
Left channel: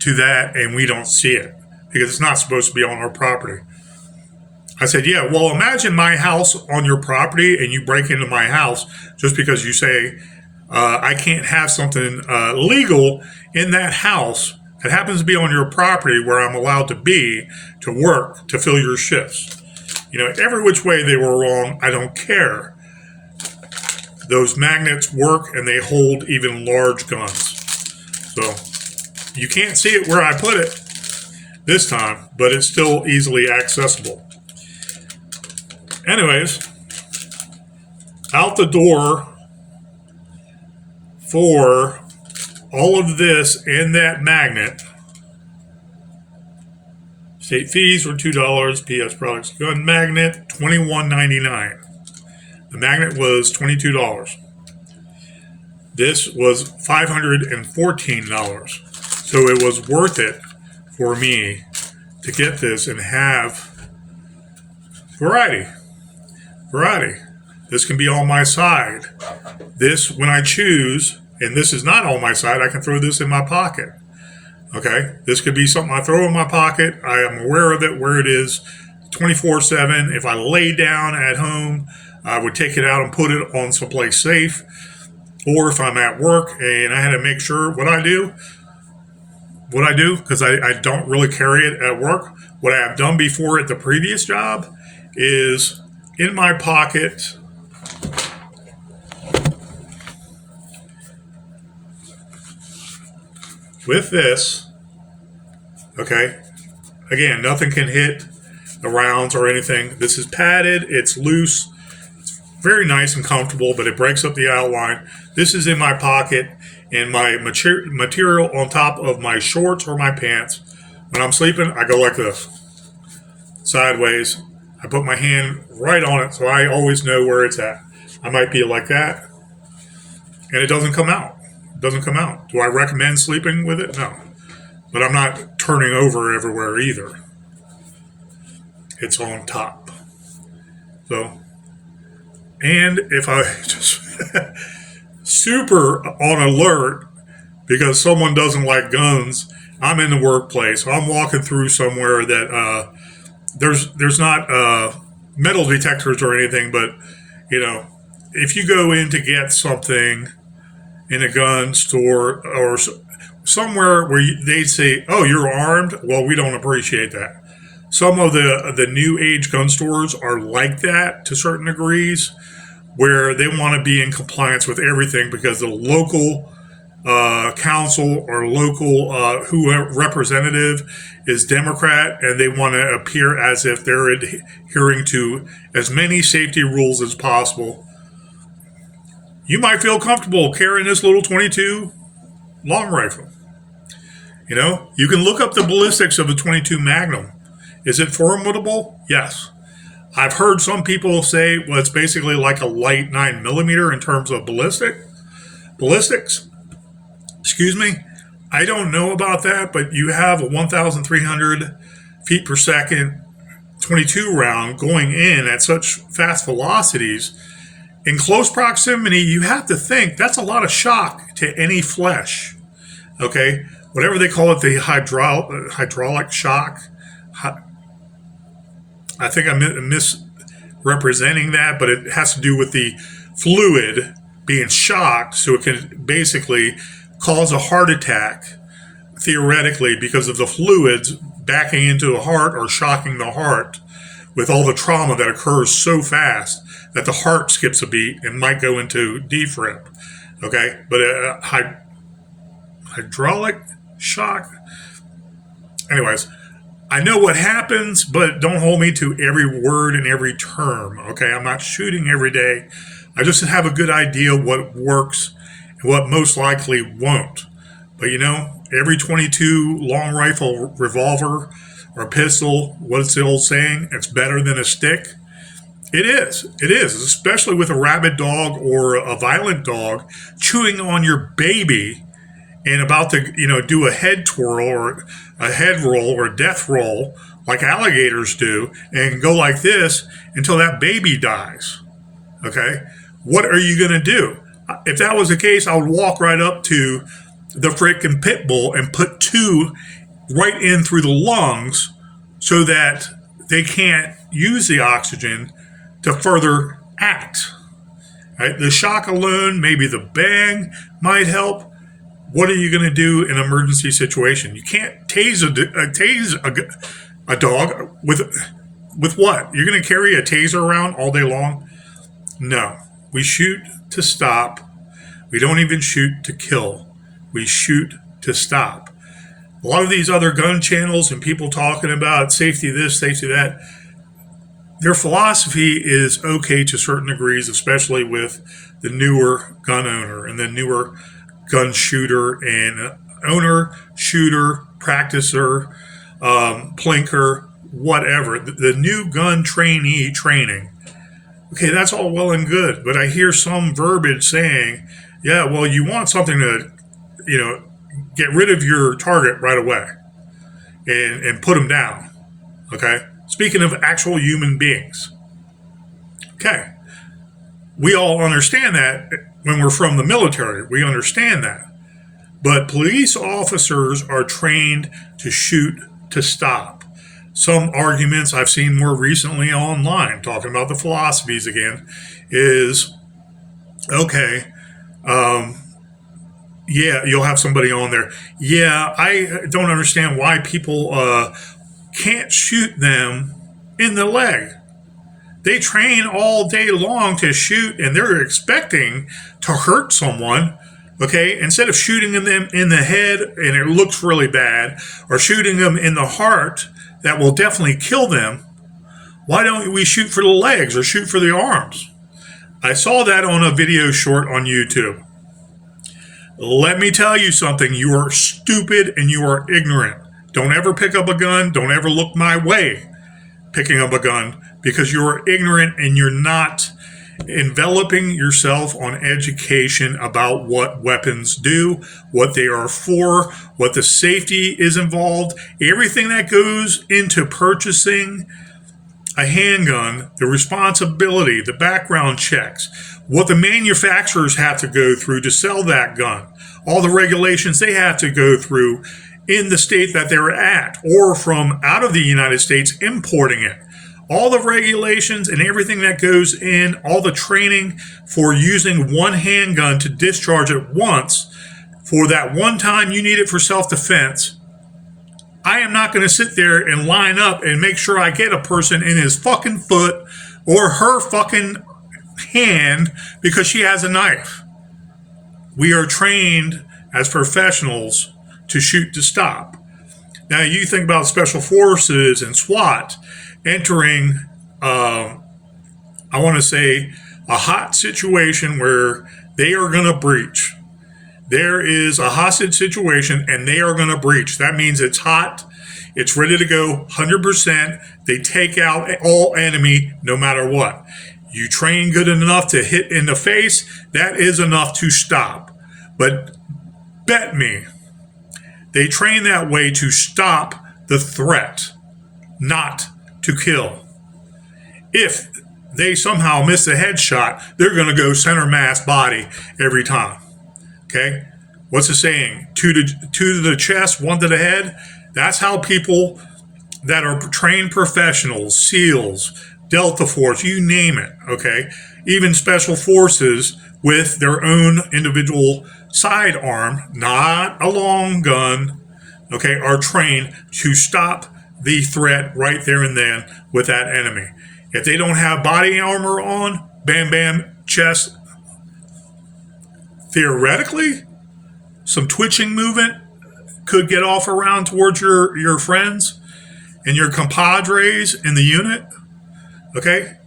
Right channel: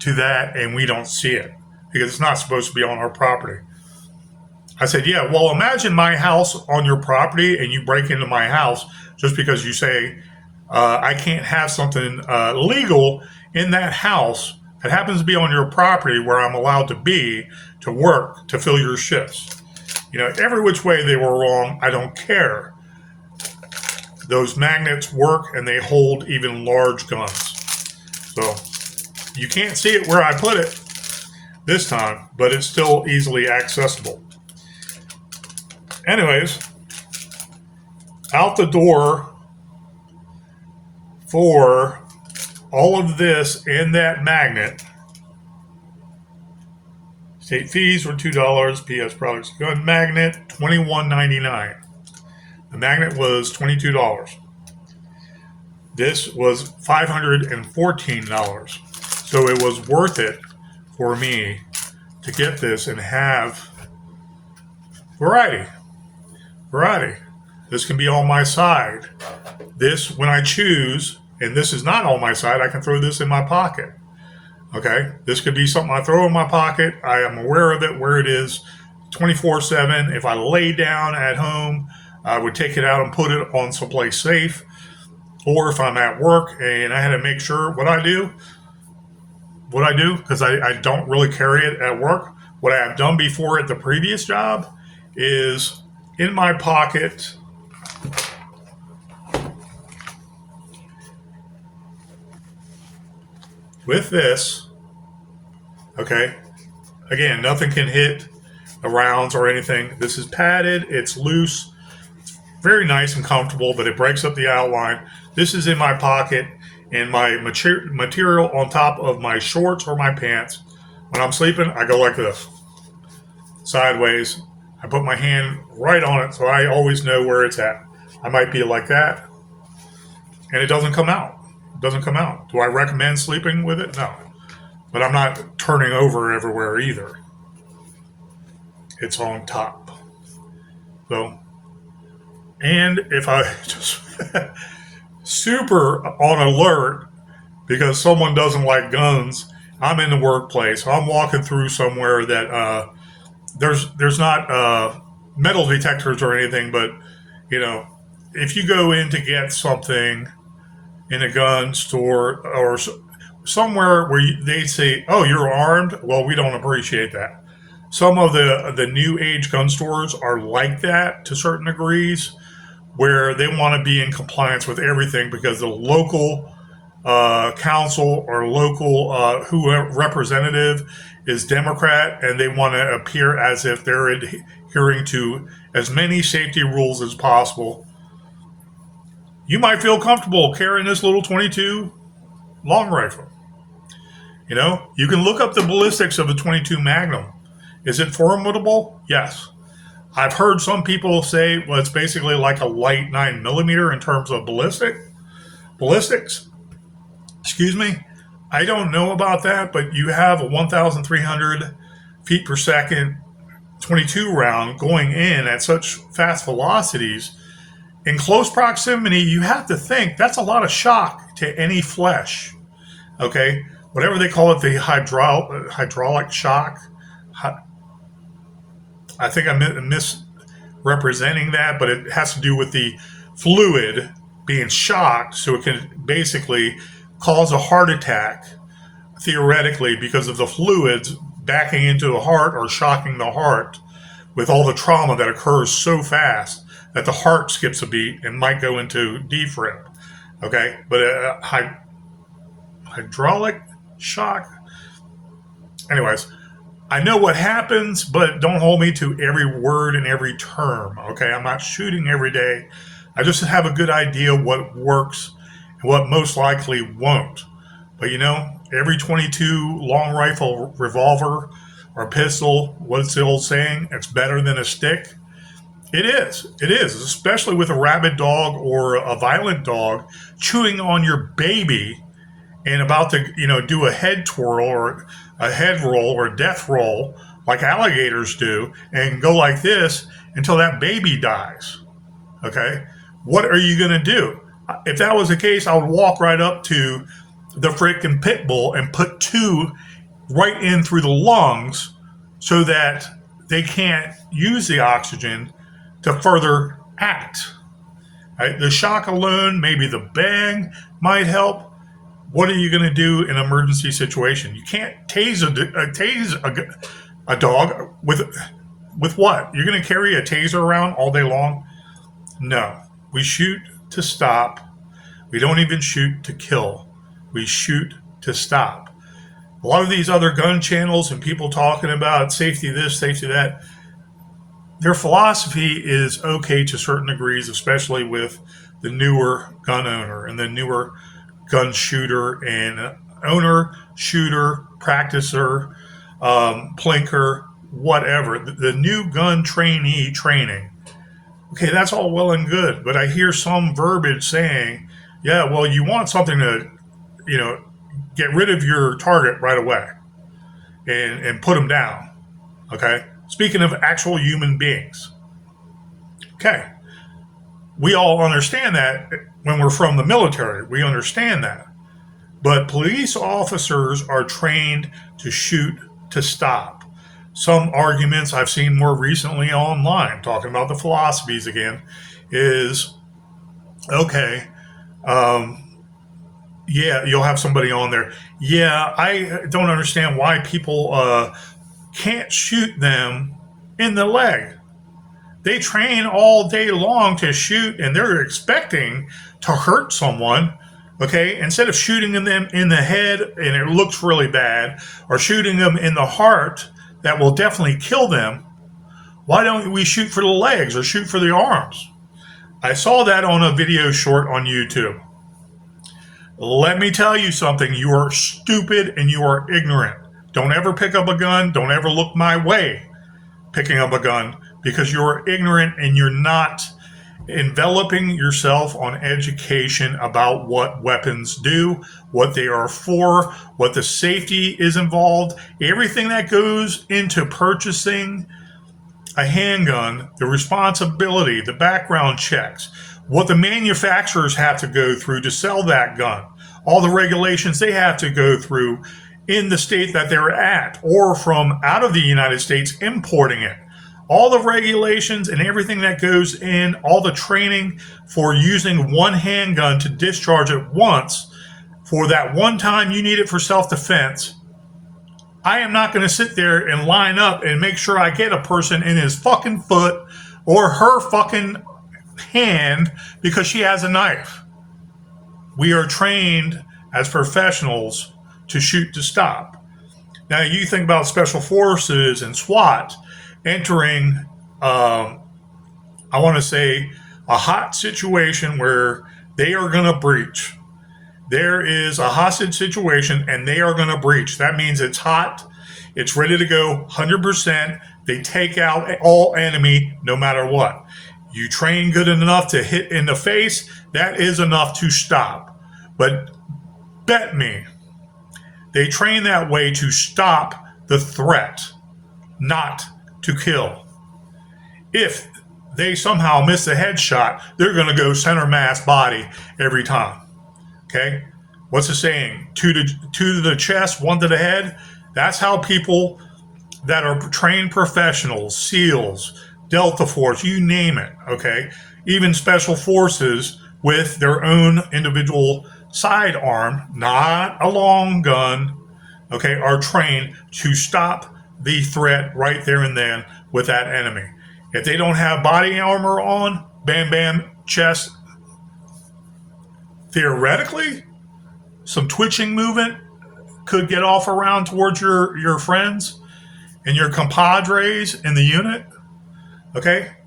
to that and we don't see it because it's not supposed to be on our property. I said, yeah, well, imagine my house on your property and you break into my house just because you say, I can't have something legal in that house that happens to be on your property where I'm allowed to be, to work, to fill your shifts. You know, every which way they were wrong, I don't care. Those magnets work and they hold even large guns. So you can't see it where I put it this time, but it's still easily accessible. Anyways, out the door for all of this and that magnet. State fees were $2. PS products gun magnet $21.99. The magnet was $22. This was $514. So it was worth it for me to get this and have variety. This can be on my side. This, when I choose, and this is not on my side, I can throw this in my pocket. Okay? This could be something I throw in my pocket. I am aware of it, where it is 24/7. If I lay down at home, I would take it out and put it on someplace safe. Or if I'm at work and I had to make sure what I do, because I don't really carry it at work. What I have done before at the previous job is in my pocket, with this, okay, again, nothing can hit the rounds or anything. This is padded, it's loose, it's very nice and comfortable, but it breaks up the outline. This is in my pocket, and my material on top of my shorts or my pants. When I'm sleeping, I go like this, sideways. I put my hand right on it so I always know where it's at. I might be like that, and it doesn't come out. Do I recommend sleeping with it? No. But I'm not turning over everywhere either. It's on top. So, and if I just super on alert because someone doesn't like guns, I'm in the workplace. I'm walking through somewhere that there's not metal detectors or anything, but you know, if you go in to get something in a gun store or somewhere where they say, oh, you're armed, well, we don't appreciate that. some of the new age gun stores are like that to certain degrees, where they want to be in compliance with everything because the local council or local representative is Democrat, and they want to appear as if they're adhering to as many safety rules as possible. You might feel comfortable carrying this little 22 long rifle. You know, you can look up the ballistics of a 22 Magnum. Is it formidable? Yes. I've heard some people say, well, it's basically like a light 9mm in terms of ballistics. Excuse me. I don't know about that, but you have a 1,300 feet per second 22 round going in at such fast velocities. In close proximity, you have to think that's a lot of shock to any flesh. Okay? Whatever they call it, the hydraulic shock. I think I'm misrepresenting that, but it has to do with the fluid being shocked, so it can basically cause a heart attack, theoretically, because of the fluids backing into the heart or shocking the heart with all the trauma that occurs so fast that the heart skips a beat and might go into defib. Okay? But hydraulic shock. Anyways, I know what happens, but don't hold me to every word and every term. Okay? I'm not shooting every day. I just have a good idea what works and what most likely won't. But you know, every 22 long rifle revolver or pistol, what's the old saying? It's better than a stick. It is, especially with a rabid dog or a violent dog chewing on your baby and about to, do a head twirl or a head roll or a death roll like alligators do and go like this until that baby dies. Okay? What are you going to do? If that was the case, I would walk right up to the freaking pit bull and put 2 right in through the lungs so that they can't use the oxygen to further act. Right? The shock alone, maybe the bang might help. What are you going to do in an emergency situation? You can't tase a dog with what? You're going to carry a taser around all day long? No. We shoot to stop. We don't even shoot to kill. We shoot to stop. A lot of these other gun channels and people talking about safety this, safety that, their philosophy is okay to certain degrees, especially with the newer gun owner and the newer gun shooter and owner, shooter, practicer, plinker, whatever. The new gun trainee training. Okay, that's all well and good, but I hear some verbiage saying, yeah, well, you want something to, get rid of your target right away and put them down. Okay? Speaking of actual human beings. Okay. We all understand that when we're from the military. We understand that. But police officers are trained to shoot to stop. Some arguments I've seen more recently online, talking about the philosophies again, is, okay, yeah, you'll have somebody on there. Yeah, I don't understand why people can't shoot them in the leg. They train all day long to shoot, and they're expecting to hurt someone, okay? Instead of shooting them in the head, and it looks really bad, or shooting them in the heart, that will definitely kill them, why don't we shoot for the legs or shoot for the arms? I saw that on a video short on YouTube. Let me tell you something. You are stupid and you are ignorant. Don't ever pick up a gun. Don't ever look my way picking up a gun, because you are ignorant and you're not enveloping yourself on education about what weapons do, what they are for, what the safety is involved, everything that goes into purchasing a handgun, the responsibility, the background checks, what the manufacturers have to go through to sell that gun, all the regulations they have to go through in the state that they're at, or from out of the United States importing it. All the regulations and everything that goes in, all the training for using one handgun to discharge it once for that one time you need it for self-defense. I am not going to sit there and line up and make sure I get a person in his fucking foot or her fucking hand because she has a knife. We are trained as professionals to shoot to stop. Now, you think about special forces and SWAT entering, I want to say, a hot situation where they are going to breach. There is a hostage situation and they are going to breach. That means it's hot. It's ready to go 100%. They take out all enemy no matter what. You train good enough to hit in the face, that is enough to stop. But bet me, they train that way to stop the threat, not to kill. If they somehow miss a headshot, they're going to go center mass body every time. Okay? What's the saying? Two to the chest, one to the head. That's how people that are trained professionals, SEALs, Delta Force, you name it, okay? Even special forces with their own individual sidearm, not a long gun, okay, are trained to stop the threat right there and then with that enemy. If they don't have body armor on, bam, bam, chest, theoretically, some twitching movement could get off around towards your friends and your compadres in the unit. Okay?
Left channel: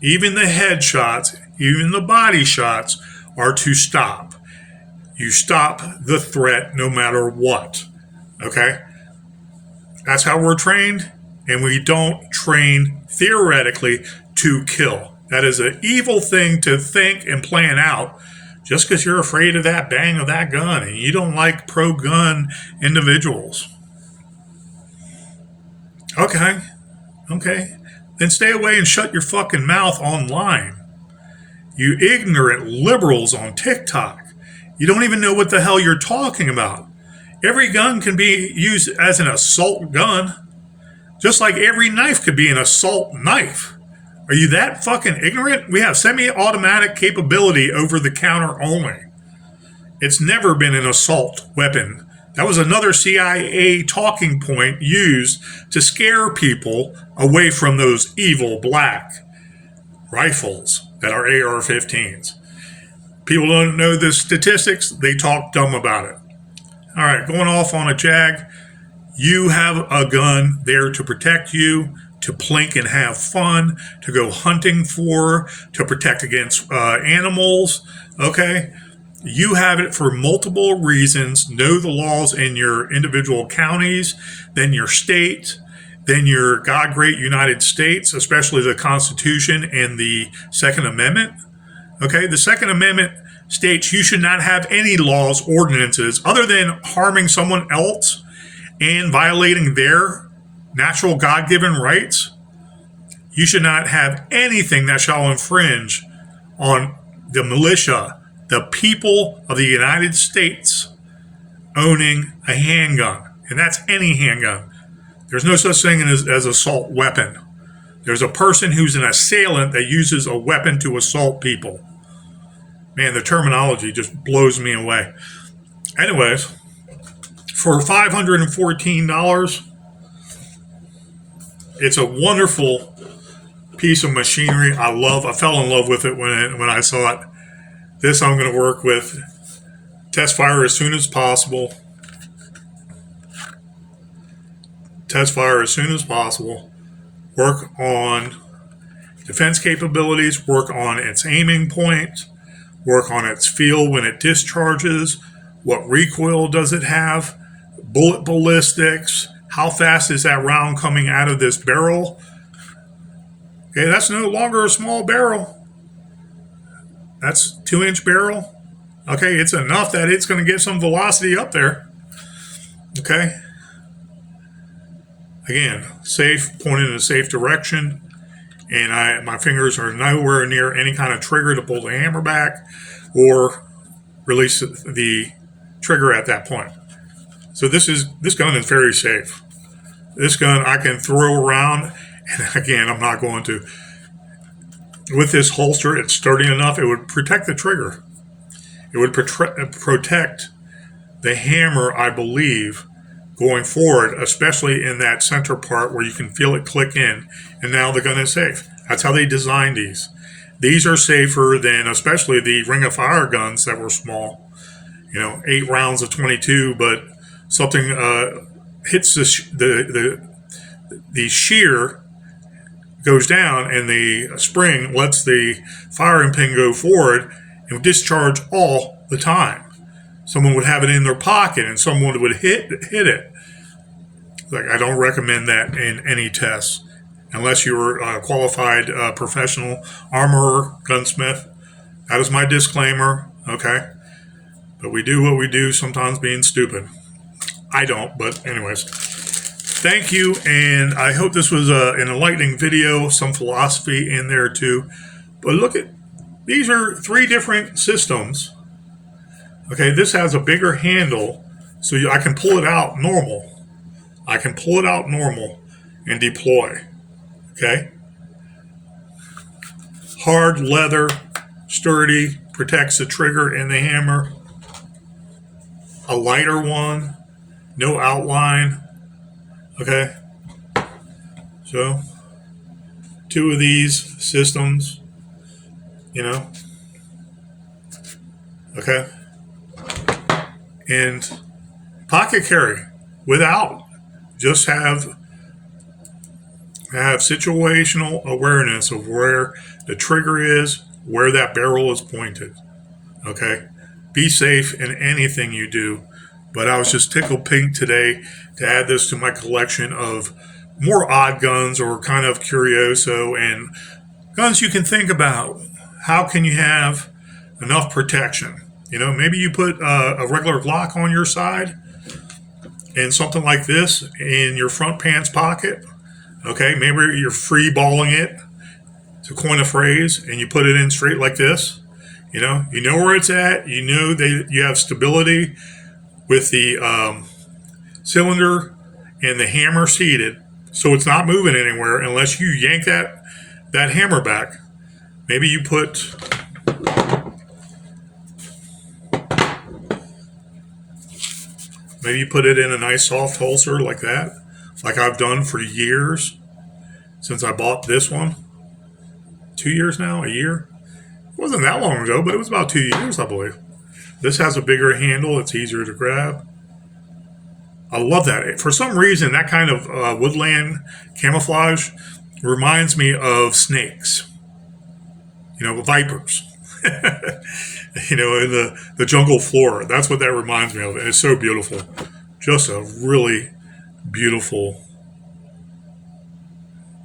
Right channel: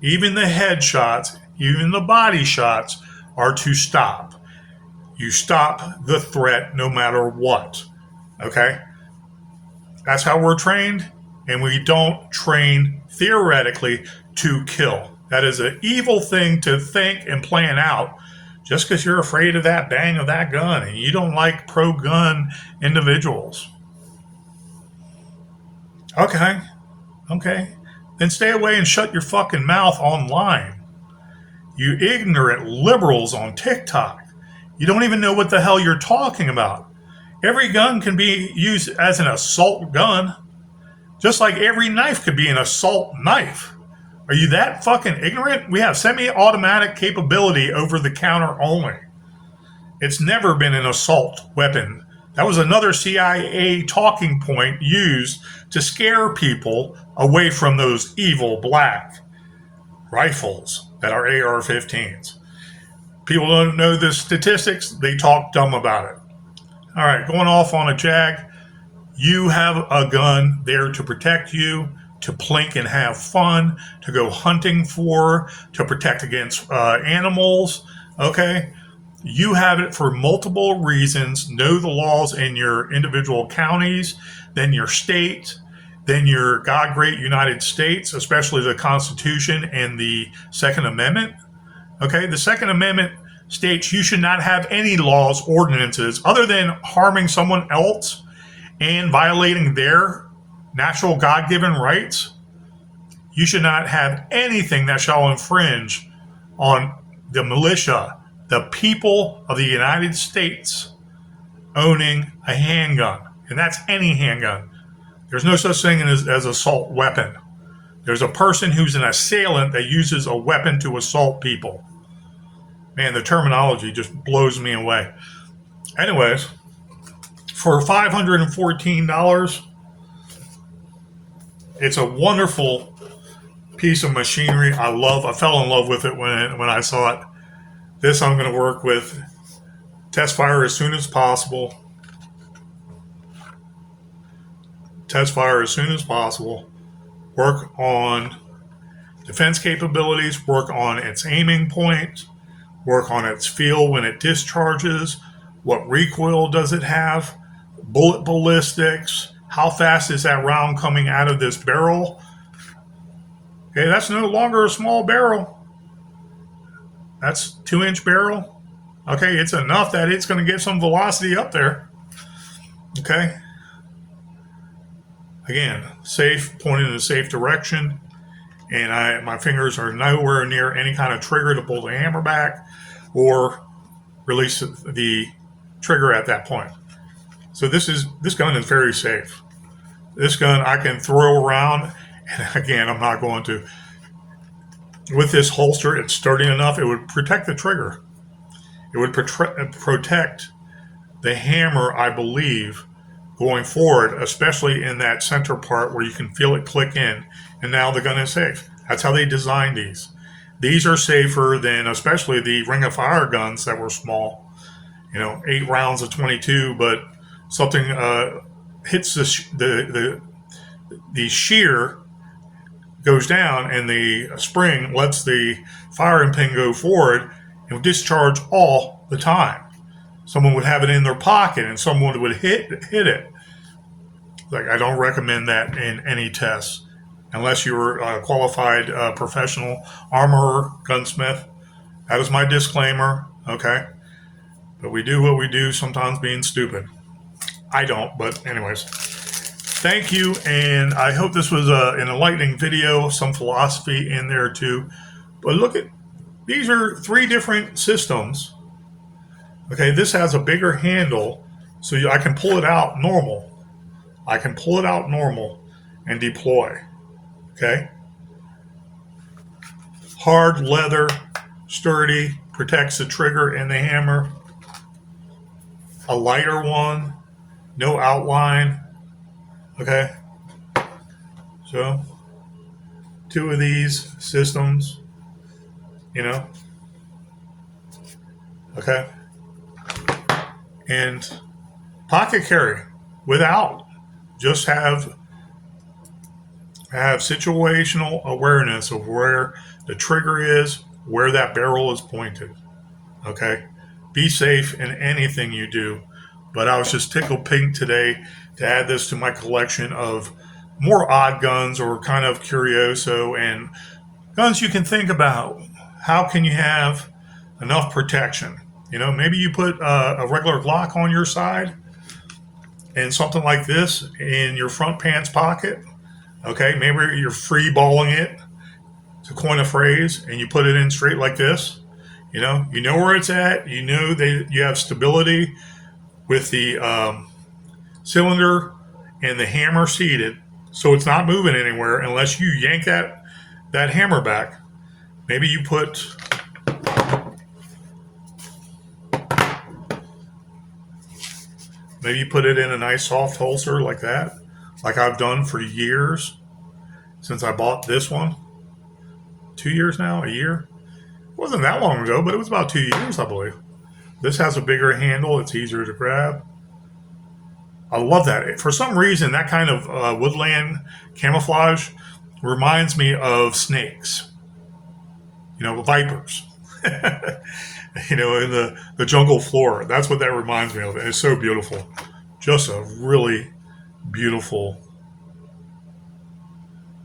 Even the headshots, even the body shots are to stop. You stop the threat no matter what. Okay? That's how we're trained, and we don't train theoretically to kill. That is an evil thing to think and plan out just because you're afraid of that bang of that gun and you don't like pro-gun individuals. Okay. Then stay away and shut your fucking mouth online. You ignorant liberals on TikTok. You don't even know what the hell you're talking about. Every gun can be used as an assault gun, just like every knife could be an assault knife. Are you that fucking ignorant? We have semi-automatic capability over the counter only. It's never been an assault weapon. That was another CIA talking point used to scare people away from those evil black rifles that are AR-15s. People don't know the statistics. They talk dumb about it. All right, going off on a jag. You have a gun there to protect you, to plink and have fun, to go hunting for, to protect against animals, okay? You have it for multiple reasons. Know the laws in your individual counties, then your state, then your God great United States, especially the Constitution and the Second Amendment. Okay, the Second Amendment states you should not have any laws, ordinances, other than harming someone else and violating their natural God-given rights. You should not have anything that shall infringe on the militia, the people of the United States owning a handgun. And that's any handgun. There's no such thing as assault weapon. There's a person who's an assailant that uses a weapon to assault people. Man, the terminology just blows me away. Anyways, for $514, it's a wonderful piece of machinery. I fell in love with it when I saw it. This I'm going to work with. Test fire as soon as possible. Test fire as soon as possible. Work on defense capabilities. Work on its aiming point. Work on its feel when it discharges. What recoil does it have? Bullet ballistics. How fast is that round coming out of this barrel? Okay, that's no longer a small barrel. That's 2-inch barrel. Okay, it's enough that it's going to get some velocity up there. Okay. Again, safe, pointed in a safe direction. And my fingers are nowhere near any kind of trigger to pull the hammer back or release the trigger at that point. So this gun is very safe. This gun I can throw around, and again, I'm not going to. With this holster, it's sturdy enough, it would protect the trigger. It would protect the hammer, I believe, going forward, especially in that center part where you can feel it click in, and now the gun is safe. That's how they designed these. These are safer than especially the Ring of Fire guns that were small, 8 rounds of 22, but something hits the shear goes down, and the spring lets the firing pin go forward and discharge all the time. Someone would have it in their pocket, and someone would hit it. Like, I don't recommend that in any tests unless you're a qualified professional armorer, gunsmith. That is my disclaimer. Okay, but we do what we do, sometimes being stupid. I don't, but anyways. Thank you, and I hope this was an enlightening video, some philosophy in there too. But look at, these are 3 different systems. Okay, this has a bigger handle, so I can pull it out normal. I can pull it out normal and deploy. Okay? Hard leather, sturdy, protects the trigger and the hammer. A lighter one, no outline. Okay? So, 2 of these systems, okay? And pocket carry without, just have situational awareness of where the trigger is, where that barrel is pointed. Okay, be safe in anything you do. But I was just tickled pink today to add this to my collection of more odd guns, or kind of curioso, and guns you can think about. How can you have enough protection? Maybe you put a regular Glock on your side and something like this in your front pants pocket. Okay, maybe you're free balling it, to coin a phrase, and you put it in straight like this. You know where it's at. You know that you have stability with the cylinder and the hammer seated, so it's not moving anywhere unless you yank that hammer back. Maybe you put it in a nice soft holster like that, like I've done for years since I bought this one. 2 years now, a year. It wasn't that long ago, but it was about 2 years, I believe. This has a bigger handle. It's easier to grab. I love that. For some reason, that kind of woodland camouflage reminds me of snakes. Vipers. In the jungle flora. That's what that reminds me of. And it's so beautiful. Just a really beautiful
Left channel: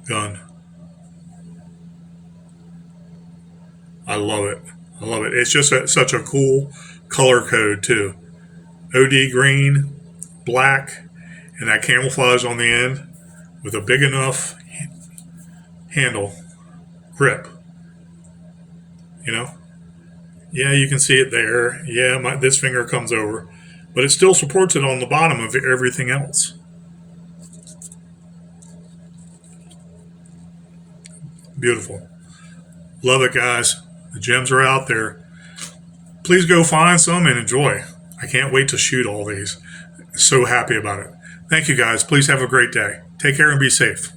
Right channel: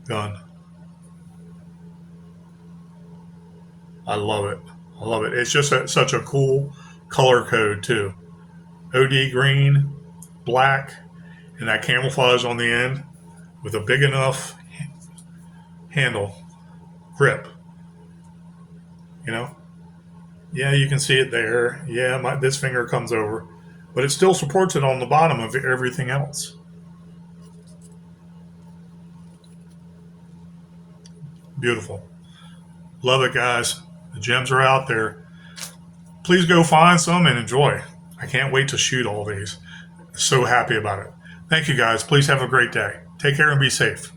gun. I love it. I love it. It's just such a cool color code too. OD green, black, and that camouflage on the end with a big enough handle, grip. Yeah, you can see it there. Yeah, this finger comes over, but it still supports it on the bottom of everything else. Beautiful. Love it, guys. The gems are out there. Please go find some and enjoy. I can't wait to shoot all these. So happy about it. Thank you, guys. Please have a great day. Take care and be safe.